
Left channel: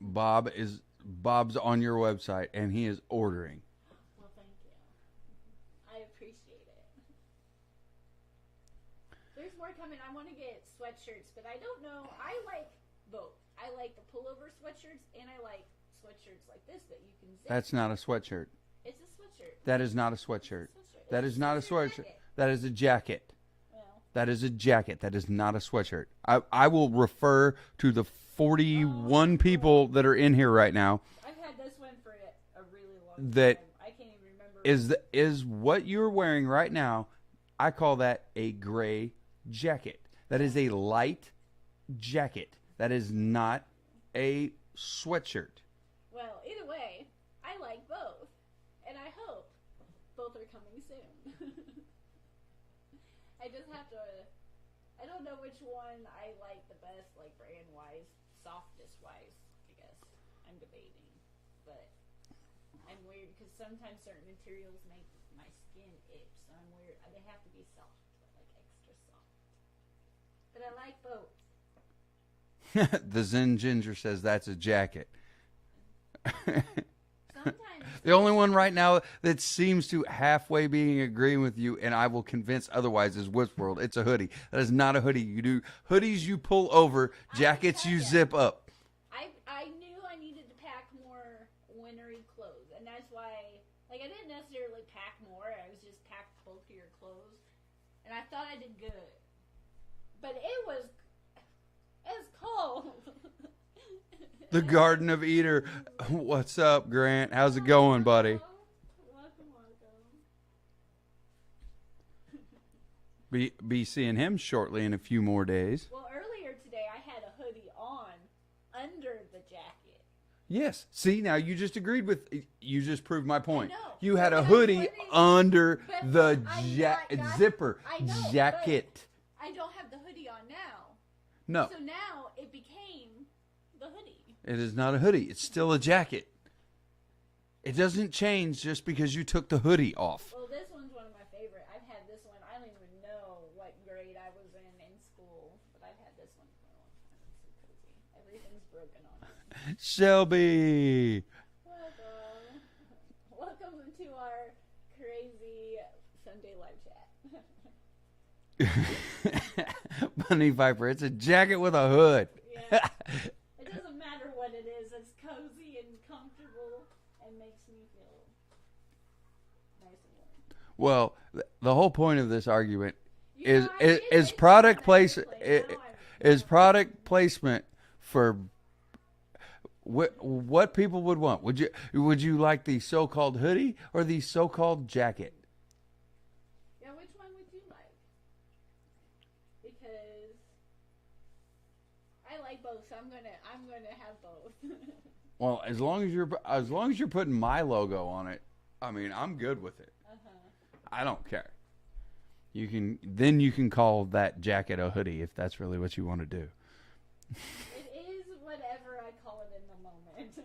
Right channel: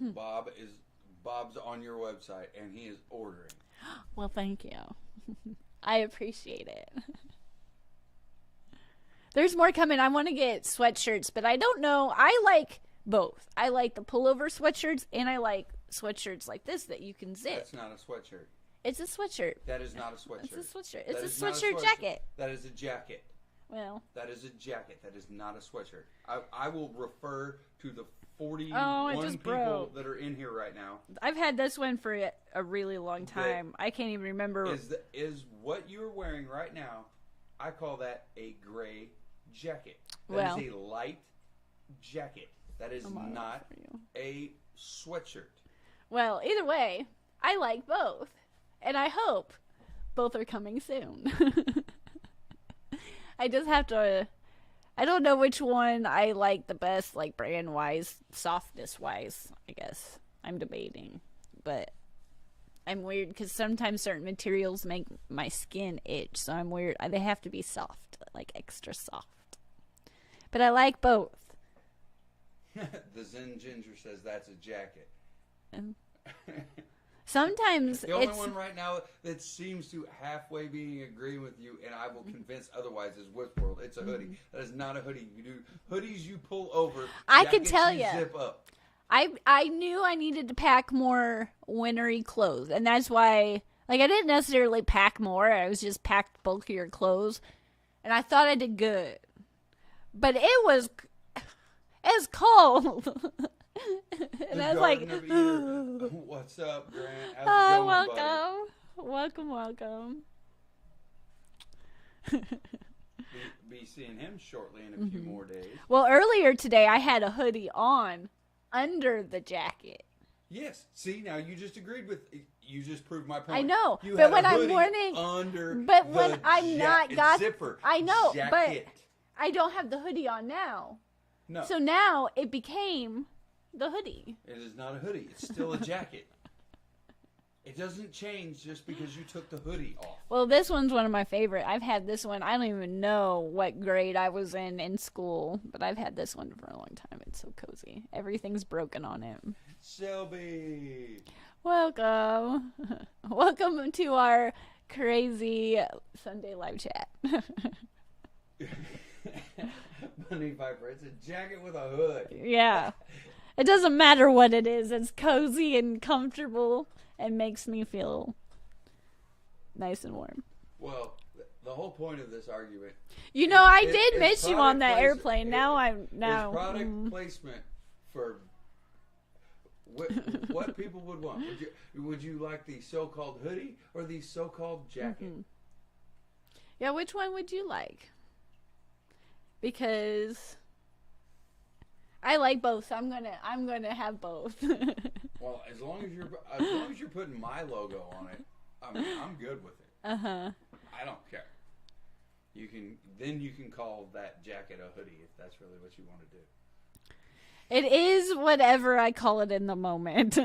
Bob's on your website, and he is ordering. Well, thank you. I appreciate it. There's more coming. I want to get sweatshirts, but I don't know. I like both. I like the pullover sweatshirts, and I like sweatshirts like this that you can zip. That's not a sweatshirt. It's a sweatshirt. That is not a sweatshirt. It's a sweatshirt. That is not a sweatshirt. Jacket. That is a jacket. Well. That is a jacket. That is not a sweatshirt. I will refer to the 41 people that are in here right now. I've had this one for a really long time. I can't even remember. Is what you're wearing right now, I call that a gray jacket. That is a light jacket. That is not a sweatshirt. Well, either way, I like both. And I hope both are coming soon. I just have to... I don't know which one I like the best, like brand-wise, softness-wise, I guess. I'm debating. But I'm weird because sometimes certain materials make my skin itch. So I'm weird. They have to be soft, like extra soft. But I like both. The Zen Ginger says that's a jacket. Sometimes the only one right now that seems to halfway being agreeing with you, and I will convince otherwise, is Westworld. It's a hoodie. That is not a hoodie. You do hoodies you pull over, jackets you zip up. I knew I needed to pack more wintry clothes, and that's why, like, I didn't necessarily pack more. I was just packed bulkier clothes, and I thought I did good. But it was cold. The Garden of Eater. What's up, Grant? How's it going, buddy? Welcome. Be seeing him shortly in a few more days. Well, earlier today I had a hoodie on under the jacket. Yes. See, now you just proved my point. I know. You had a hoodie under the zipper. I know. Jacket. But I don't have the hoodie on now. No. So now it became the hoodie. It is not a hoodie. It's still a jacket. It doesn't change just because you took the hoodie off. Well, this one's one of my favorite. I've had this one. I don't even know what grade I was in school, but I've had this one for a long time. It's so cozy. Everything's broken on it. Shelby. Welcome. Welcome to our crazy Sunday live chat. Bunny Viper, it's a jacket with a hood. Yeah. It doesn't matter what it is. It's cozy and comfortable and makes me feel nice and warm. Well, the whole point of this argument I did miss you on that airplane. Is product placement for what people would want. Would you like the so-called hoodie or the so-called jacket? Mm-hmm. Yeah, which one would you like? Because I like both, so I'm gonna have both. Well, as long as you're putting my logo on it, I mean, I'm good with it. I don't care. You can call that jacket a hoodie if that's really what you want to do. It is whatever I call it in the moment.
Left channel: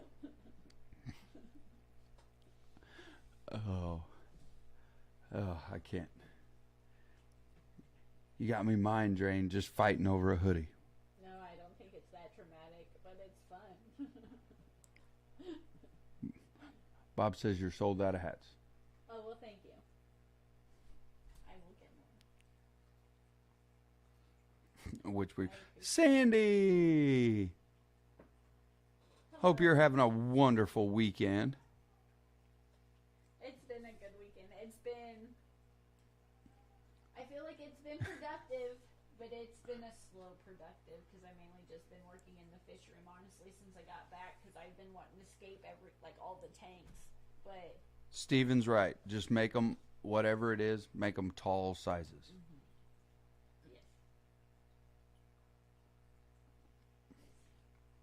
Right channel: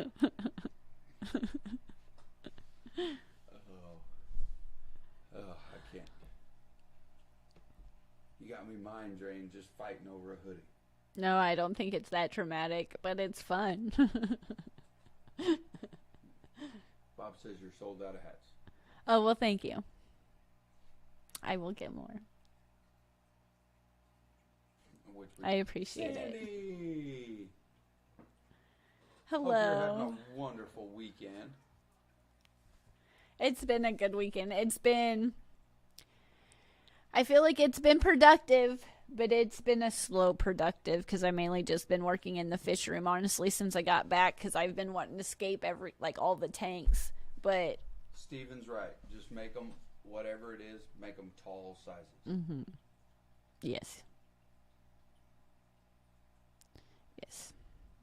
I can't. You got me mind drained just fighting over a hoodie. No, I don't think it's that traumatic, but it's fun. Bob says you're sold out of hats. Oh, well, thank you. I will get more. I appreciate Sandy. It. Hello. Hope you're having a wonderful weekend. It's been a good weekend. I feel like it's been productive, but it's been a slow productive because I mainly just been working in the fish room, honestly, since I got back because I've been wanting to escape all the tanks. But Steven's right. Just make them, whatever it is, make them tall sizes. mm-hmm. Yes. Yes.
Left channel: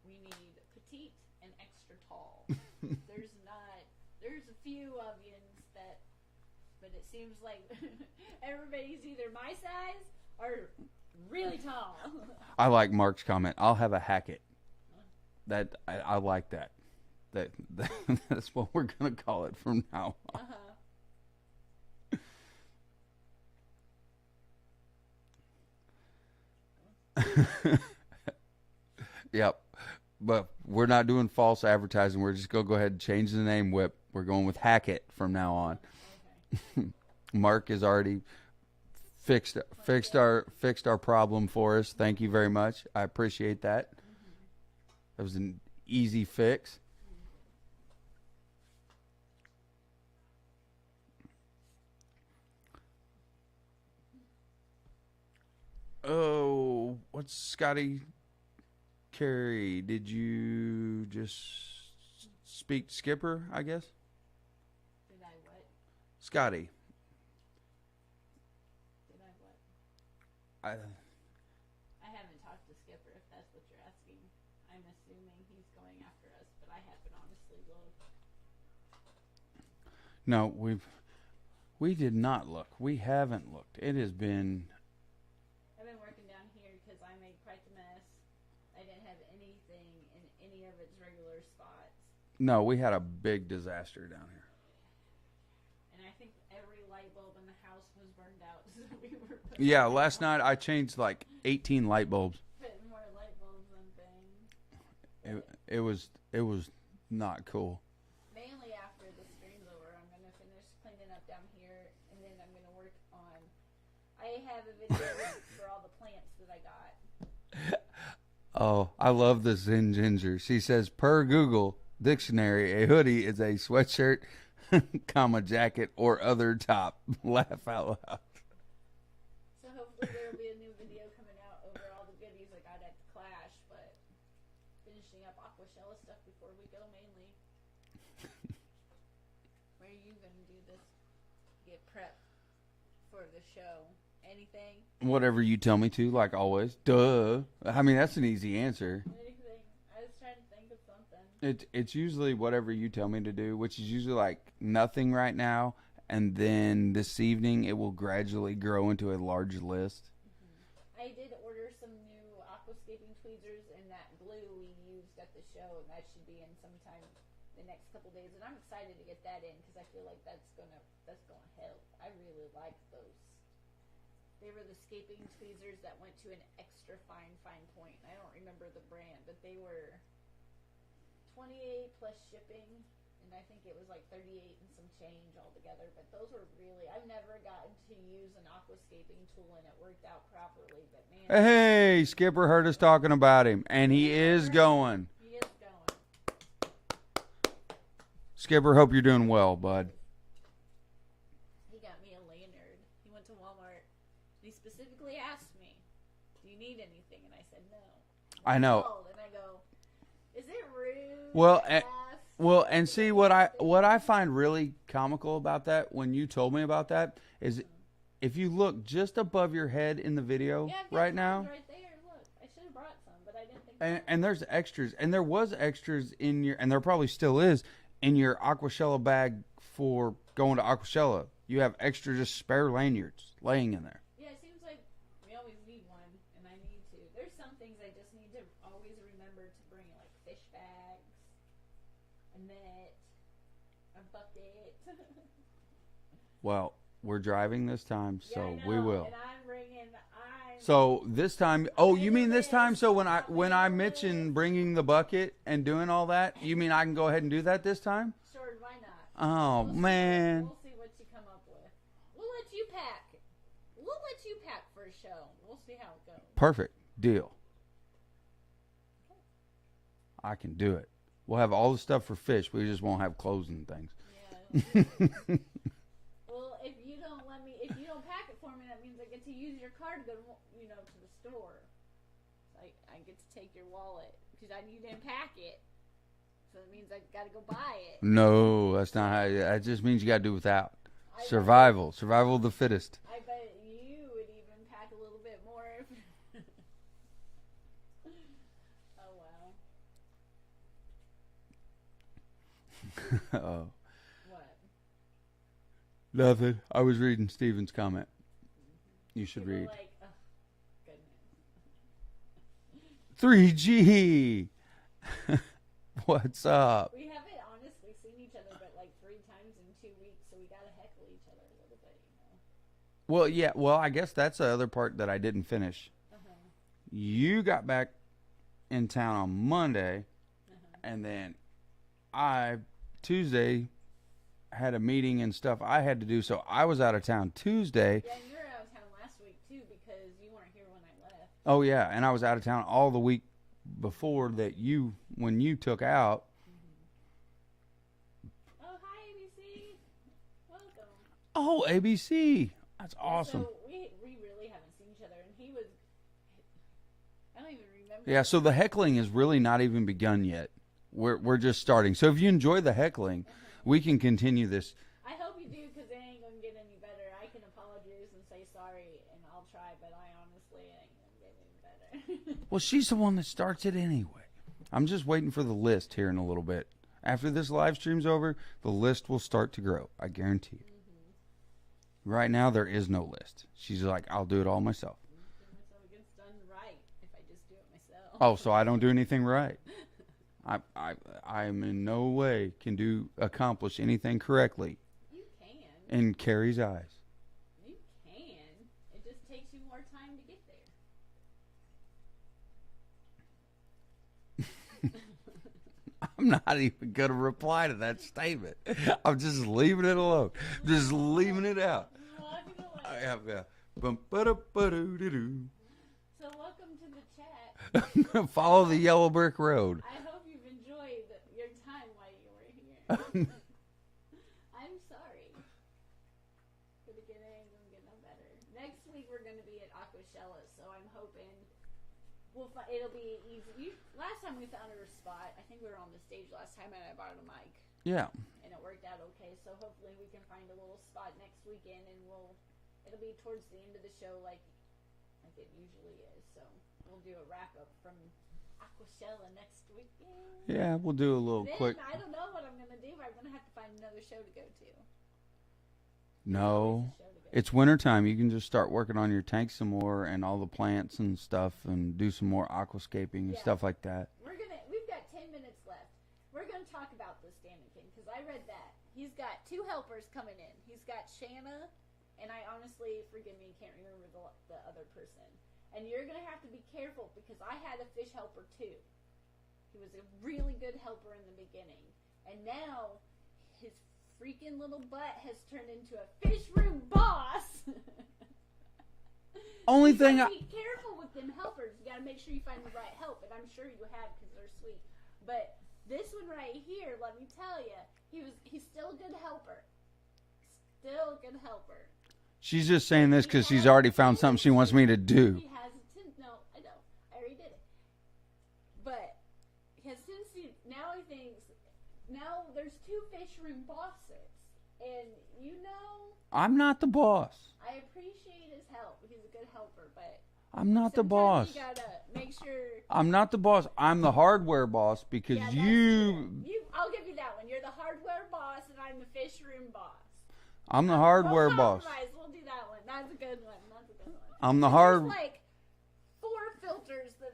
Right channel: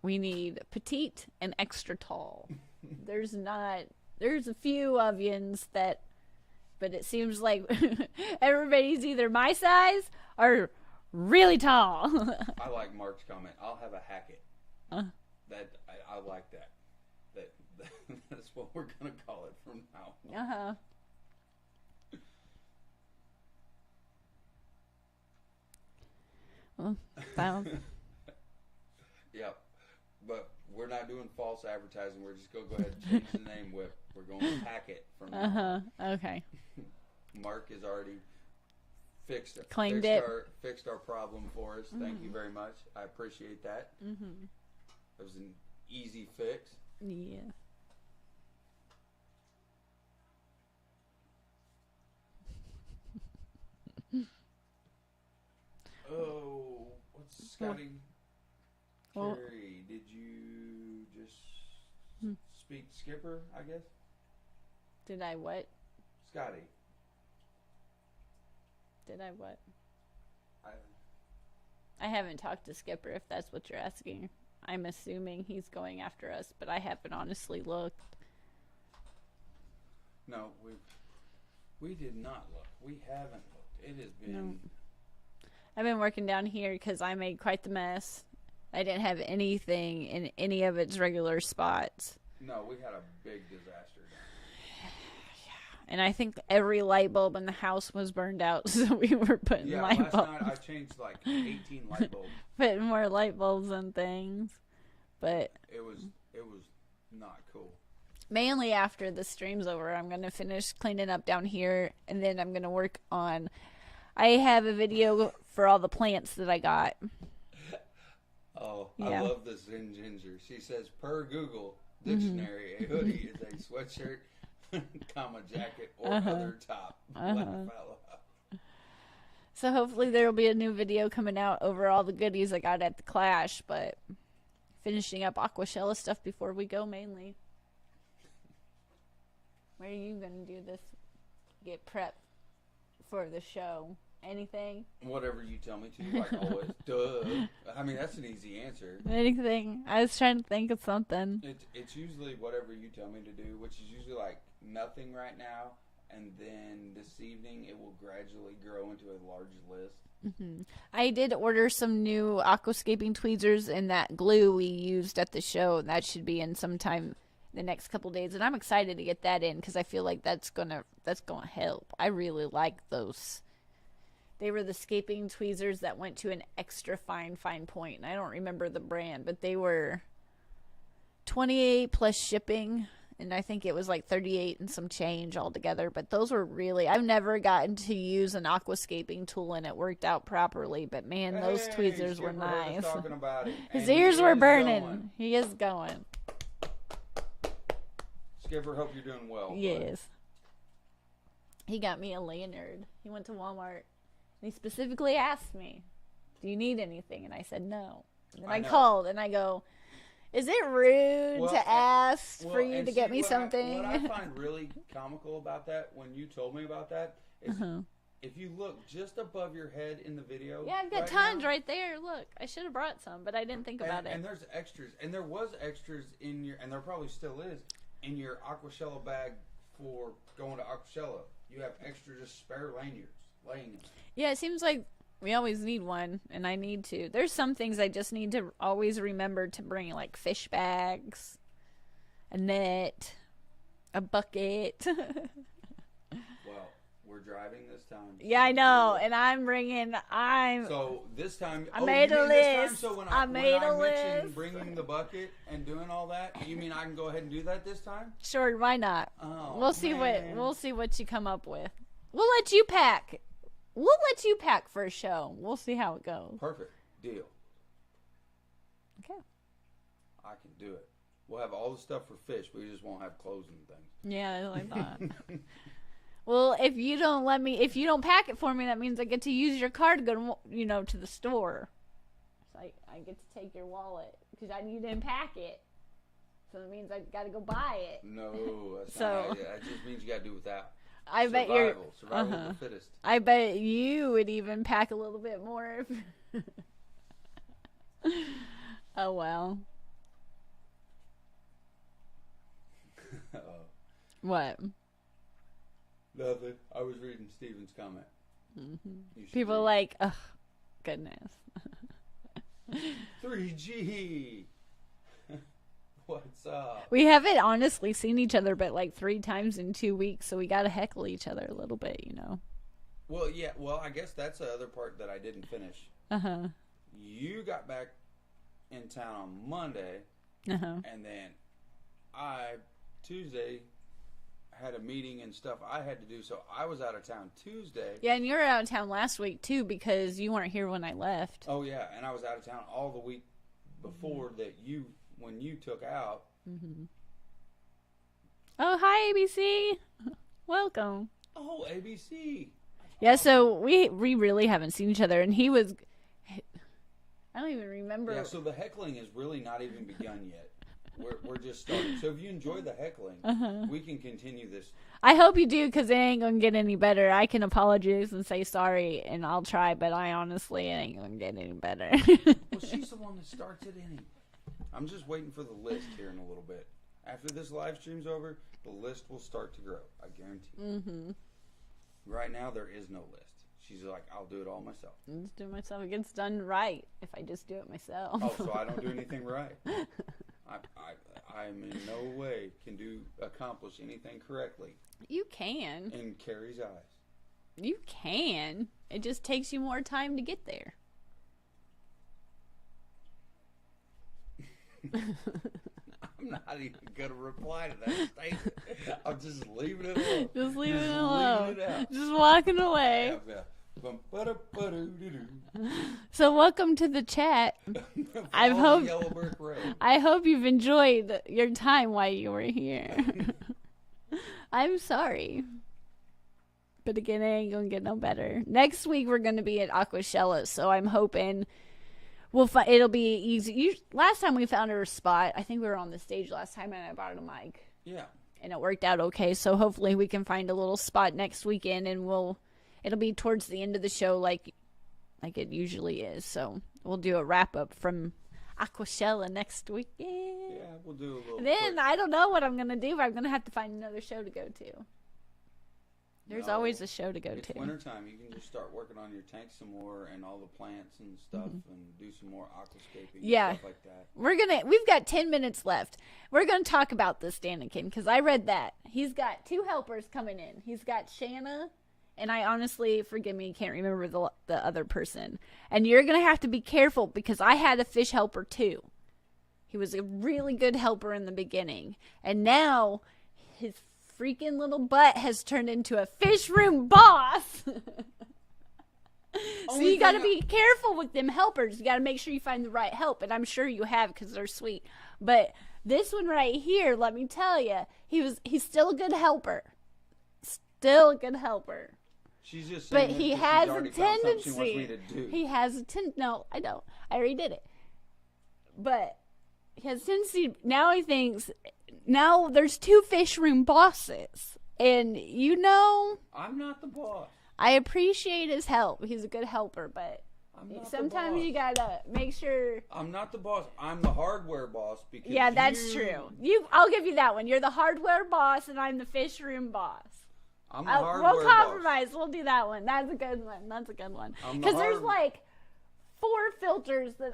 We need petite and extra tall. There's a few avians but it seems like everybody's either my size or really tall. I like Mark's comment. I'll have a Hackett. That I like that. That's what we're gonna call it from now on. Well, Yep. But we're not doing false advertising. We're just gonna go ahead and change the name. Whip. We're going with Hackett from now on. Okay. Mark has already fixed our problem for us. Thank you very much. I appreciate that. That was an easy fix. Yeah. Oh, what's Scotty? Kerri, did you just speak to Skipper, I guess? Did I what? Scotty. Did I what? I haven't talked to Skipper, if that's what you're asking. I'm assuming he's going after us, but I haven't honestly looked. No, we did not look. We haven't looked. It has been... I've been working down here because I made quite the mess. I didn't have anything in any of its regular spots. No, we had a big disaster down here. Yeah, and I think every light bulb in the house was burned out, so we were putting last night I changed like 18 light bulbs. Putting more light bulbs and things. But it was not cool. Mainly after the stream's over, I'm going to finish cleaning up down here, and then I'm going to work on... I have a video for all the plants that I got. Oh, yeah. I love the Zen Ginger. She says, per Google Dictionary, a hoodie is a sweatshirt, comma, jacket, or other top. Laugh out loud. So hopefully there will be a new video coming out over all the goodies I got at the Clash, but finishing up Aquahsella stuff before we go mainly. What are you going to do this? Get prepped for the show? Anything? Whatever you tell me to, like always. Duh. I mean, that's an easy answer. Anything. I was trying to think of something. It's usually whatever you tell me to do, which is usually like nothing right now. And then this evening, it will gradually grow into a large list. Mm-hmm. I did order some new aquascaping tweezers and that glue we used at the show. That should be in sometime the next couple days. And I'm excited to get that in because I feel like that's gonna help. I really like those. They were the scaping tweezers that went to an extra fine point. And I don't remember the brand, but they were $28 plus shipping. And I think it was like $38 and some change altogether. But those were really... I've never gotten to use an aquascaping tool and it worked out properly. But man, those tweezers Skipper were heard nice. us talking about him. And he is going. He is going. Skipper, hope you're doing well, bud. Yes. He got me a lanyard. He went to Walmart. And he specifically asked me, do you need anything? And I said no. And I know. Called and I go, is it rude to ask for you to get me something? What I find really comical about that, when you told me about that, is if you look just above your head in the video, yeah, I've got tons right there. Look, I should have brought some, but I didn't think about it. And there's extras, and there was extras in your, and there probably still is in your Aquahsella bag for going to Aquahsella. You have extra just spare lanyards laying in there. Yeah, it seems like we always need one, and I need to. There's some things I just need to always remember to bring, like fish bags, a net, a bucket. Well, we're driving this time. Yeah, so I know, and So this time, you mean this time? So when I mentioned bringing the bucket and doing all that, you mean I can go ahead and do that this time? Sure, why not? Oh, man. We'll see what you come up with. We'll let you pack. We'll let you pack for a show. We'll see how it goes. Perfect. Deal. Okay. I can do it. We'll have all the stuff for fish. We just won't have clothes and things. Yeah, I like that. Well, if you don't pack it for me, that means I get to use your car to go to the store. It's like I get to take your wallet because I need to unpack it. So it means I got to go buy it. No, that's not how that just means you got to do without. I Survival of the fittest. I bet you would even pack a little bit more. Oh, well. Oh. What? Nothing. I was reading Steven's comment. Mm-hmm. You should People read. like, oh, goodness. 3G. What's up? We haven't honestly seen each other but like 3 times in 2 weeks, so we got to heckle each other a little bit, Well, yeah. Well, I guess that's the other part that I didn't finish. Uh-huh. You got back in town on Monday, and then Tuesday had a meeting and stuff I had to do, so I was out of town Tuesday. Yeah, and you were out of town last week too because you weren't here when I left. Oh yeah, and I was out of town all the week before that when you took out. Mm-hmm. Oh, hi ABC. Welcome. Oh, ABC. That's yeah, awesome. so we really haven't seen each other, and he was. I don't even remember. Yeah, so the heckling has really not even begun yet. We're just starting. So if you enjoy the heckling, we can continue this. I hope you do, because it ain't going to get any better. I can apologize and say sorry, and I'll try, but I honestly it ain't going to get any better. Well, she's the one that starts it anyway. I'm just waiting for the list here in a little bit. After this live stream's over, the list will start to grow. I guarantee. Mm-hmm. Right now, there is no list. She's like, I'll do it all myself. I'll just do it myself. It gets done right if I just do it myself. Oh, so I don't do anything right. I am in no way can accomplish anything correctly. You can. In Kerri's eyes. You can. It just takes you more time to get there. I'm not even going to reply to that statement. I'm just leaving it alone. Just leaving it out. Just walking away. Yeah. So welcome to the chat. Follow the yellow brick road. I hope you've enjoyed your time while you were here. I'm sorry. But again, it ain't going to get no better. Next week, we're going to be at Aquahsella, so I'm hoping it'll be easy. Last time we found our spot, I think we were on the stage last time, and I bought a mic. Yeah. And it worked out okay, so hopefully we can find a little spot next weekend, and it'll be towards the end of the show like it usually is. So we'll do a wrap-up from Aquahsella next weekend. Yeah, we'll do a little Then I don't know what I'm going to do, but I'm going to have to find another show to go to. There's always a show to go to. It's wintertime. You can just start working on your tank some more and all the plants and stuff and do some more aquascaping and stuff like that. We've got 10 minutes left. We're going to talk about this Danikin because I read that. He's got 2 helpers coming in. He's got Shanna, and I honestly, forgive me, can't remember the other person. And you're going to have to be careful because I had a fish helper too. He was a really good helper in the beginning. And now his freaking little butt has turned into a fish room boss. So you got to be careful with them helpers. You got to make sure you find the right help. And I'm sure you have because they're sweet. But this one right here, let me tell you, he's still a good helper. Still a good helper. She's just saying this because she's already found something she wants me to do. He has a no, I don't. I already did it. But he has a tendency, now he thinks, now there's 2 fish room bosses. And I'm not the boss. I appreciate his help. He's a good helper, but I'm not the boss. Sometimes you gotta make sure. I'm not the boss. I'm the hardware boss because that's true. I'll give you that one. You're the hardware boss, and I'm the fish room boss. I'm the hardware boss. We'll compromise. We'll do that one. That's a good one. I'm the There's like 4 filters that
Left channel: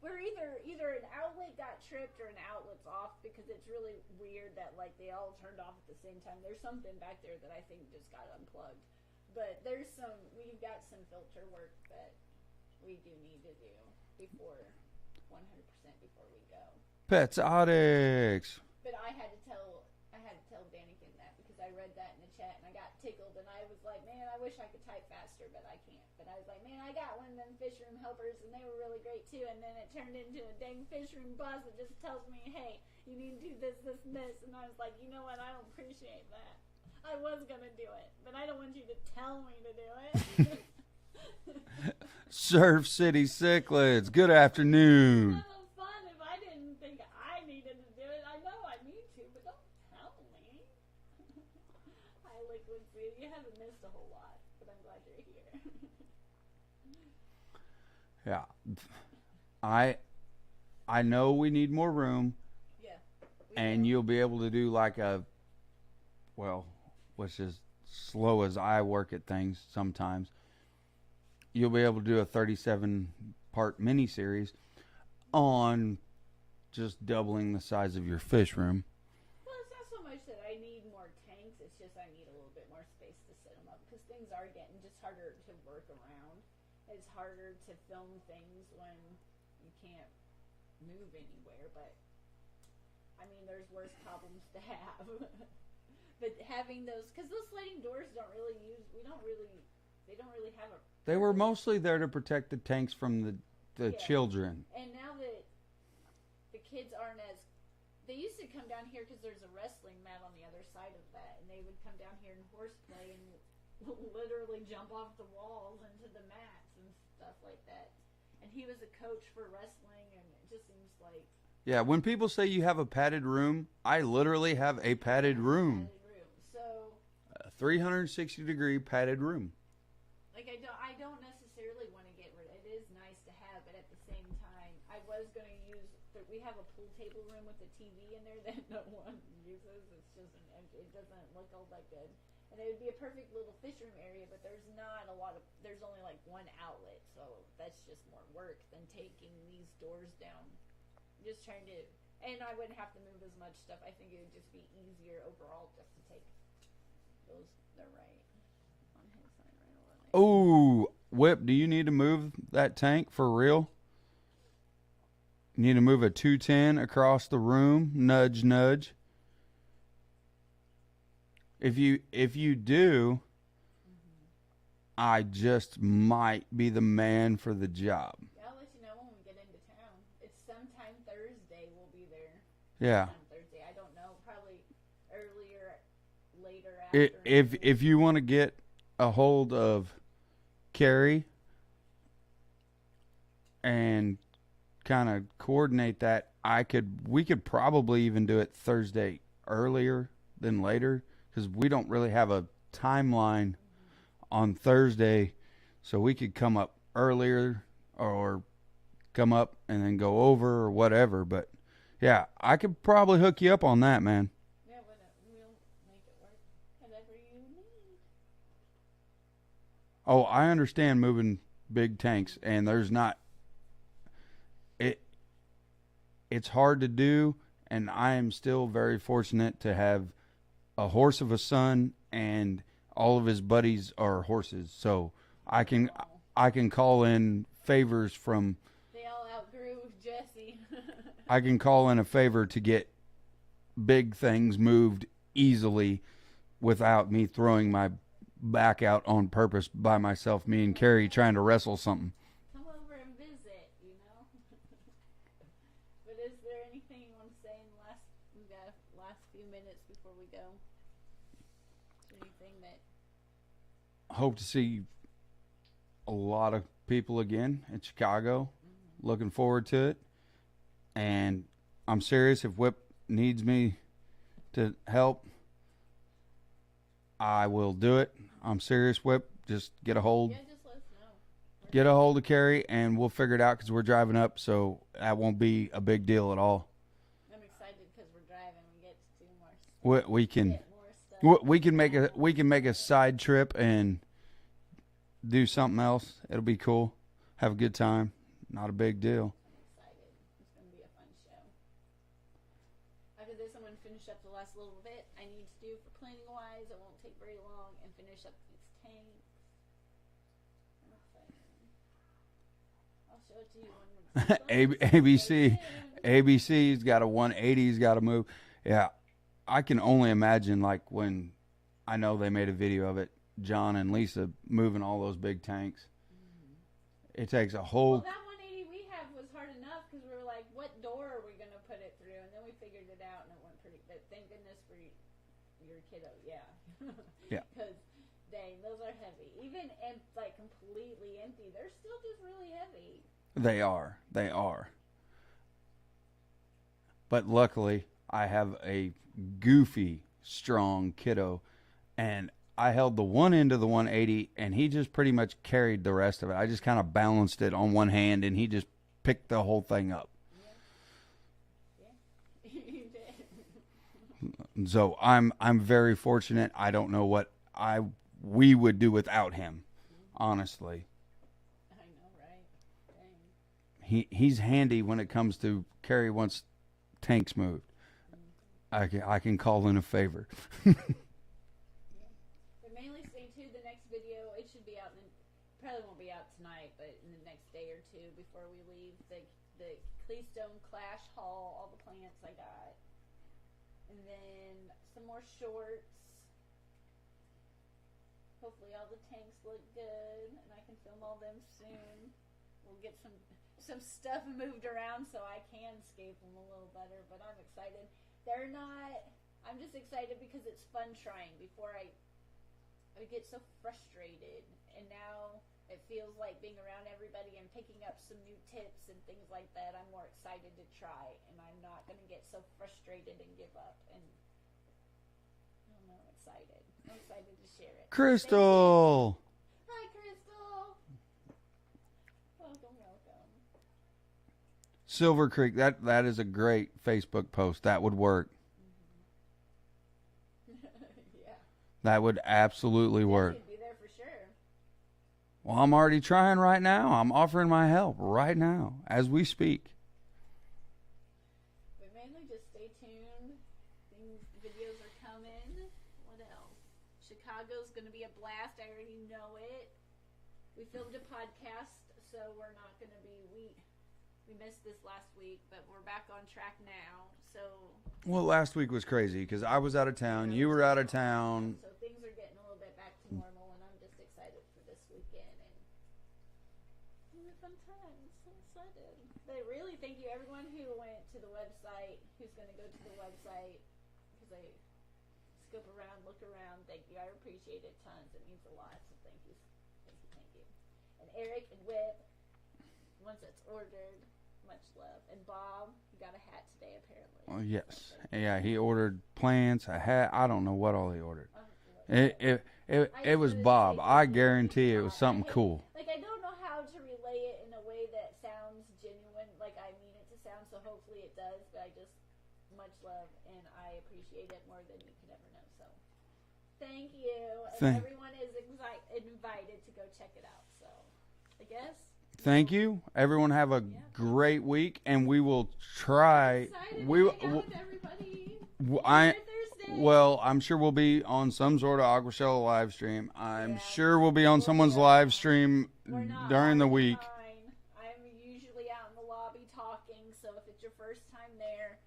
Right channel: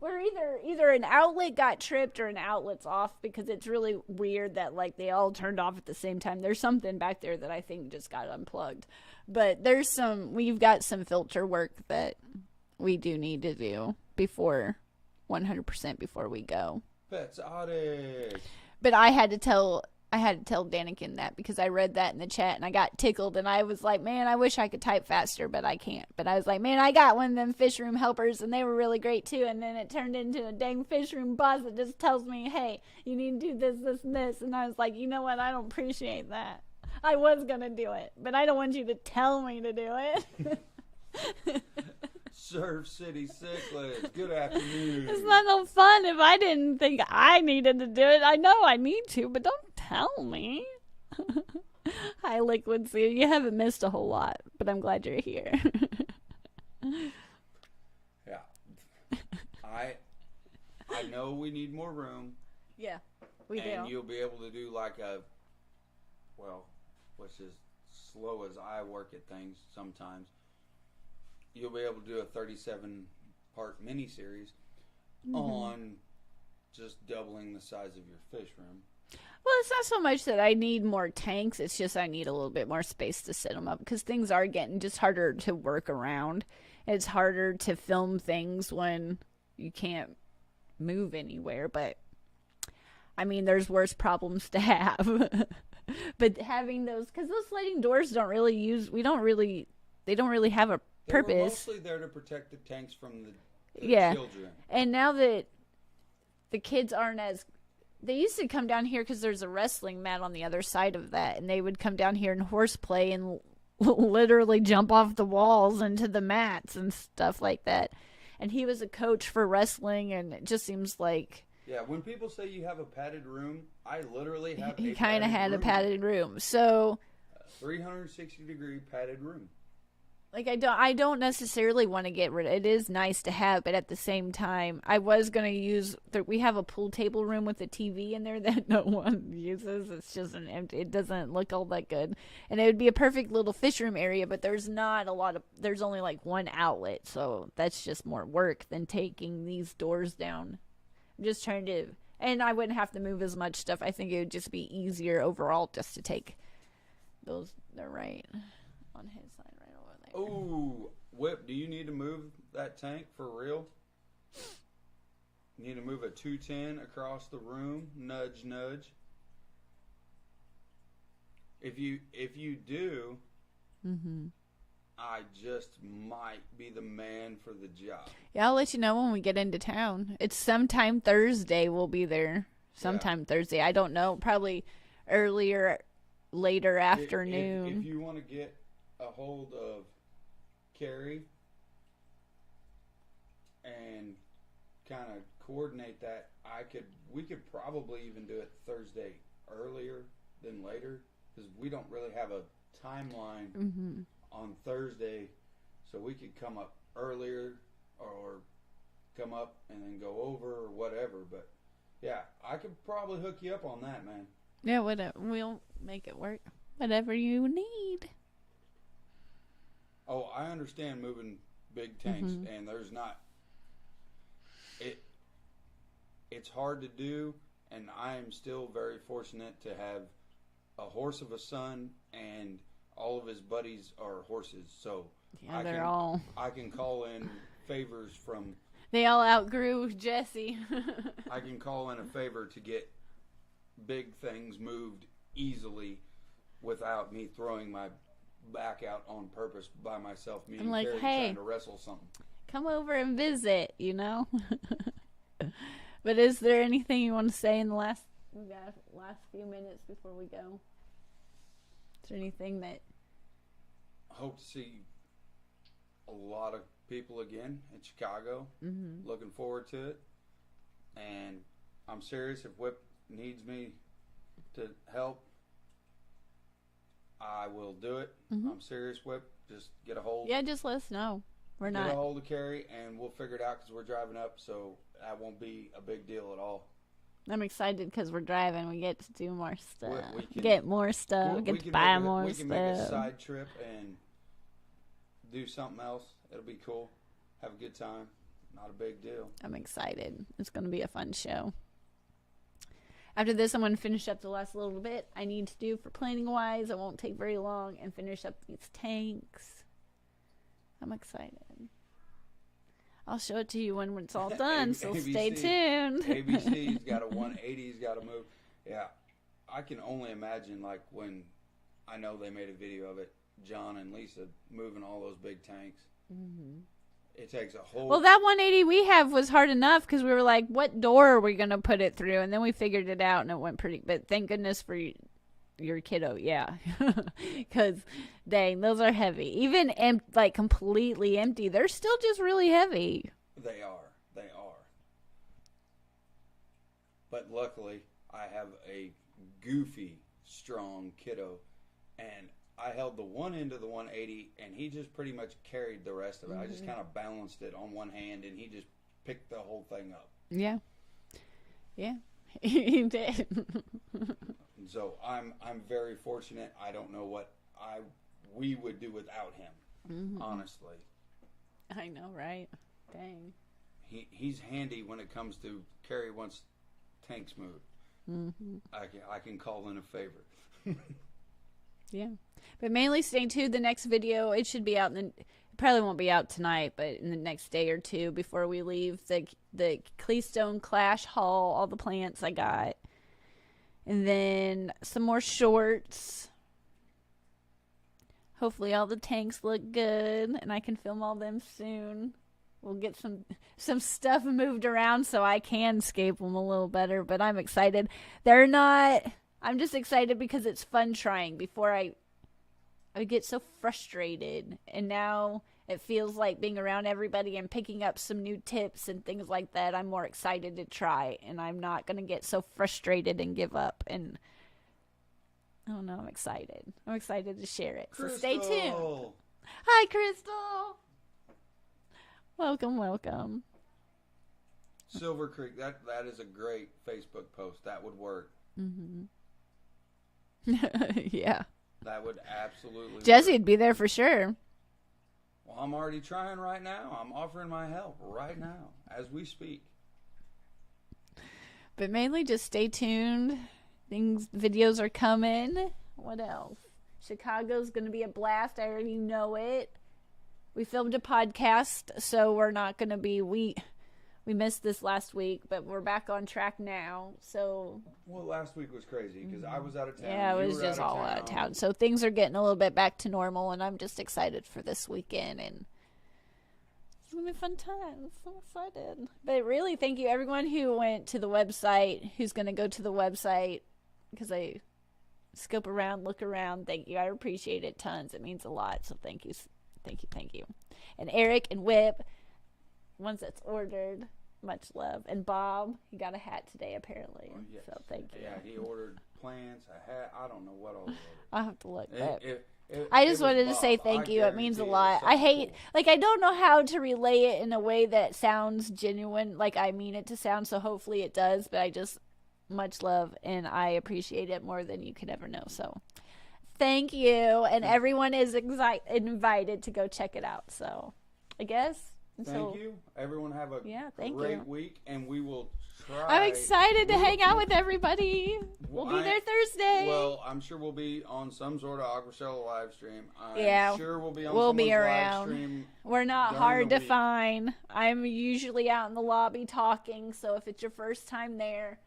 where either an outlet got tripped or an outlet's off because it's really weird that like they all turned off at the same time. There's something back there that I think just got unplugged. But we've got some filter work that we do need to do 100% before we go. Aquatics. But I had to tell Danikin that because I read that in the chat and I got tickled and I was like, man, I wish I could type faster, but I can't. But I was like, man, I got one of them fish room helpers and they were really great too. And then it turned into a dang fish room boss that just tells me, hey, you need to do this, this, and this. And I was like, you know what? I don't appreciate that. I was going to do it, but I don't want you to tell me to do it. Surf City Cichlids, good afternoon. It's not no fun if I didn't think I needed to do it. I know I need to, but don't tell me. Hi, Liquid Sea. You haven't missed a whole lot, but I'm glad you're here. Yeah. I know we need more room. Yeah, and you'll be able to do like a, well, which is slow as I work at things sometimes. You'll be able to do a 37-part mini-series on just doubling the size of your fish room. Well, it's not so much that I need more tanks. It's just I need a little bit more space to set them up because things are getting just harder to work around. It's harder to film things when you can't move anywhere. But, I mean, there's worse problems to have. But having those, because those sliding doors they don't really have a purpose. They were mostly there to protect the tanks from the children. And now that the kids aren't as... They used to come down here because there's a wrestling mat on the other side of that, and they would come down here and horseplay and literally jump off the walls into the mats and stuff like that. And he was a coach for wrestling, and it just seems like... Yeah, when people say you have a padded room, I literally have a padded room. He kind of had a padded room. So... A 360-degree padded room. Like, I don't necessarily want to get rid of it. It is nice to have, but at the same time, I was going to use... We have a pool table room with a TV in there that no one uses. It's just an empty... It doesn't look all that good. And it would be a perfect little fish room area, but there's not a lot of... There's only, like, one outlet, so that's just more work than taking these doors down. I'm just trying to... And I wouldn't have to move as much stuff. I think it would just be easier overall just to take those... They're right on his side. Oh, Whip, do you need to move that tank for real? You need to move a 210 across the room. Nudge, nudge. If you do, I just might be the man for the job. Yeah, I'll let you know when we get into town. It's sometime Thursday we'll be there. Thursday. I don't know. Probably later afternoon. If you want to get a hold of Kerri and kind of coordinate that, we could probably even do it Thursday earlier than later because we don't really have a timeline on Thursday, so we could come up earlier or come up and then go over or whatever. But yeah, I could probably hook you up on that, man. Yeah, whatever. We'll make it work. Whatever you need. Oh, I understand moving big tanks, and there's not... It's hard to do, and I am still very fortunate to have a horse of a son, and all of his buddies are horses. So yeah, I can call in favors from... They all outgrew Jesse. I can call in a favor to get big things moved easily without me throwing my back out on purpose by myself, me and Kerri trying to wrestle something. Come over and visit, you know. But is there anything you want to say in the last few minutes before we go? Is there anything that... Hope to see a lot of people again in Chicago. Looking forward to it. And I'm serious, if Whip needs me to help, I will do it. I'm serious, Whip. Just get a hold. Yeah, just let us know. Get a hold of Kerri, and we'll figure it out because we're driving up, so that won't be a big deal at all. I'm excited because we're driving. We get to do more stuff. We can get more stuff. We can make a side trip and do something else. It'll be cool. Have a good time. Not a big deal. I'm excited. It's going to be a fun show. After this, I'm going to finish up the last little bit I need to do for planning-wise. It won't take very long, and finish up these tanks. I'm excited. I'll show it to you when it's all done, so stay tuned. ABC's got a 180's got to move. Yeah, I can only imagine, like, when I know they made a video of it, John and Lisa moving all those big tanks. It takes a whole... Well, that 180 we have was hard enough because we were like, what door are we going to put it through? And then we figured it out, and it went pretty... But thank goodness for your kiddo, yeah. Because, dang, those are heavy. Even completely empty, they're still just really heavy. They are. They are. But luckily, I have a goofy, strong kiddo, and I held the one end of the 180, and he just pretty much carried the rest of it. I just kind of balanced it on one hand, and he just picked the whole thing up. Yeah. Yeah. He did. So I'm very fortunate. I don't know what we would do without him, honestly. I know, right? Dang. He's handy when it comes to Kerri wants tanks moved. I can call in a favor. Yeah. But mainly stay tuned. The next video, it should be out it probably won't be out tonight, but in the next day or two before we leave, the Keystone Clash haul, all the plants I got. And then some more shorts. Hopefully all the tanks look good and I can film all them soon. We'll get some stuff moved around so I can scape them a little better, but I'm excited. I'm just excited because it's fun trying. Before I get so frustrated, and now it feels like being around everybody and picking up some new tips and things like that. I'm more excited to try, and I'm not going to get so frustrated and give up. And I don't know, I'm excited. I'm excited to share it. Crystal! So stay tuned. Hi, Crystal! Welcome. Silver Creek, that is a great Facebook post. That would work. Yeah. That would absolutely work. Jesse'd be there for sure. Well, I'm already trying right now. I'm offering my help right now as we speak. But mainly just stay tuned. Videos are coming. What else? Chicago's going to be a blast. I already know it. We filmed a podcast, so we're not going to be... We missed this last week, but we're back on track now. So, well, last week was crazy because I was out of town. Yeah, you were out of town. So things are getting a little bit back to normal, and I'm just excited for this weekend. And it's gonna be a fun time. I'm so excited. But really, thank you everyone who went to the website, who's gonna go to the website, because I scope around, look around. Thank you. I appreciate it tons. It means a lot. So thank you. And Eric and Whip. Ones that's ordered, much love. And Bob, he got a hat today apparently. Oh, yes. So thank you. Yeah, he ordered plants, a hat. I don't know what all he ordered. I'll have to look. I just wanted to say thank you. It means a lot. I hate, cool. I don't know how to relay it in a way that sounds genuine, like I mean it to sound, so hopefully it does, but much love, and I appreciate it more than you could ever know. So thank you. And everyone is invited to go check it out. So I guess. Thank you. Everyone have a great week, and we will try. I'm excited to hang out with everybody. We'll be there Thursday. Well, I'm sure we'll be on some sort of Aquahsella live stream. I'm sure we'll be on someone's live stream. We're not during hard the to week. find. I'm usually out in the lobby talking, so if it's your first time there,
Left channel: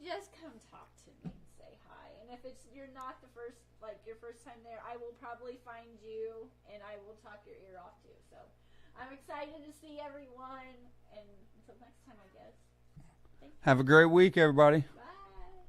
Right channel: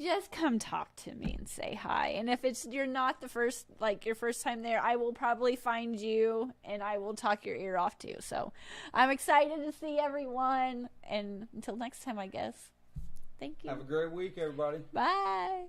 just come talk to me and say hi. And if you're not your first time there, I will probably find you and I will talk your ear off too. So I'm excited to see everyone. And until next time, I guess. Thank you. Have a great week, everybody. Bye.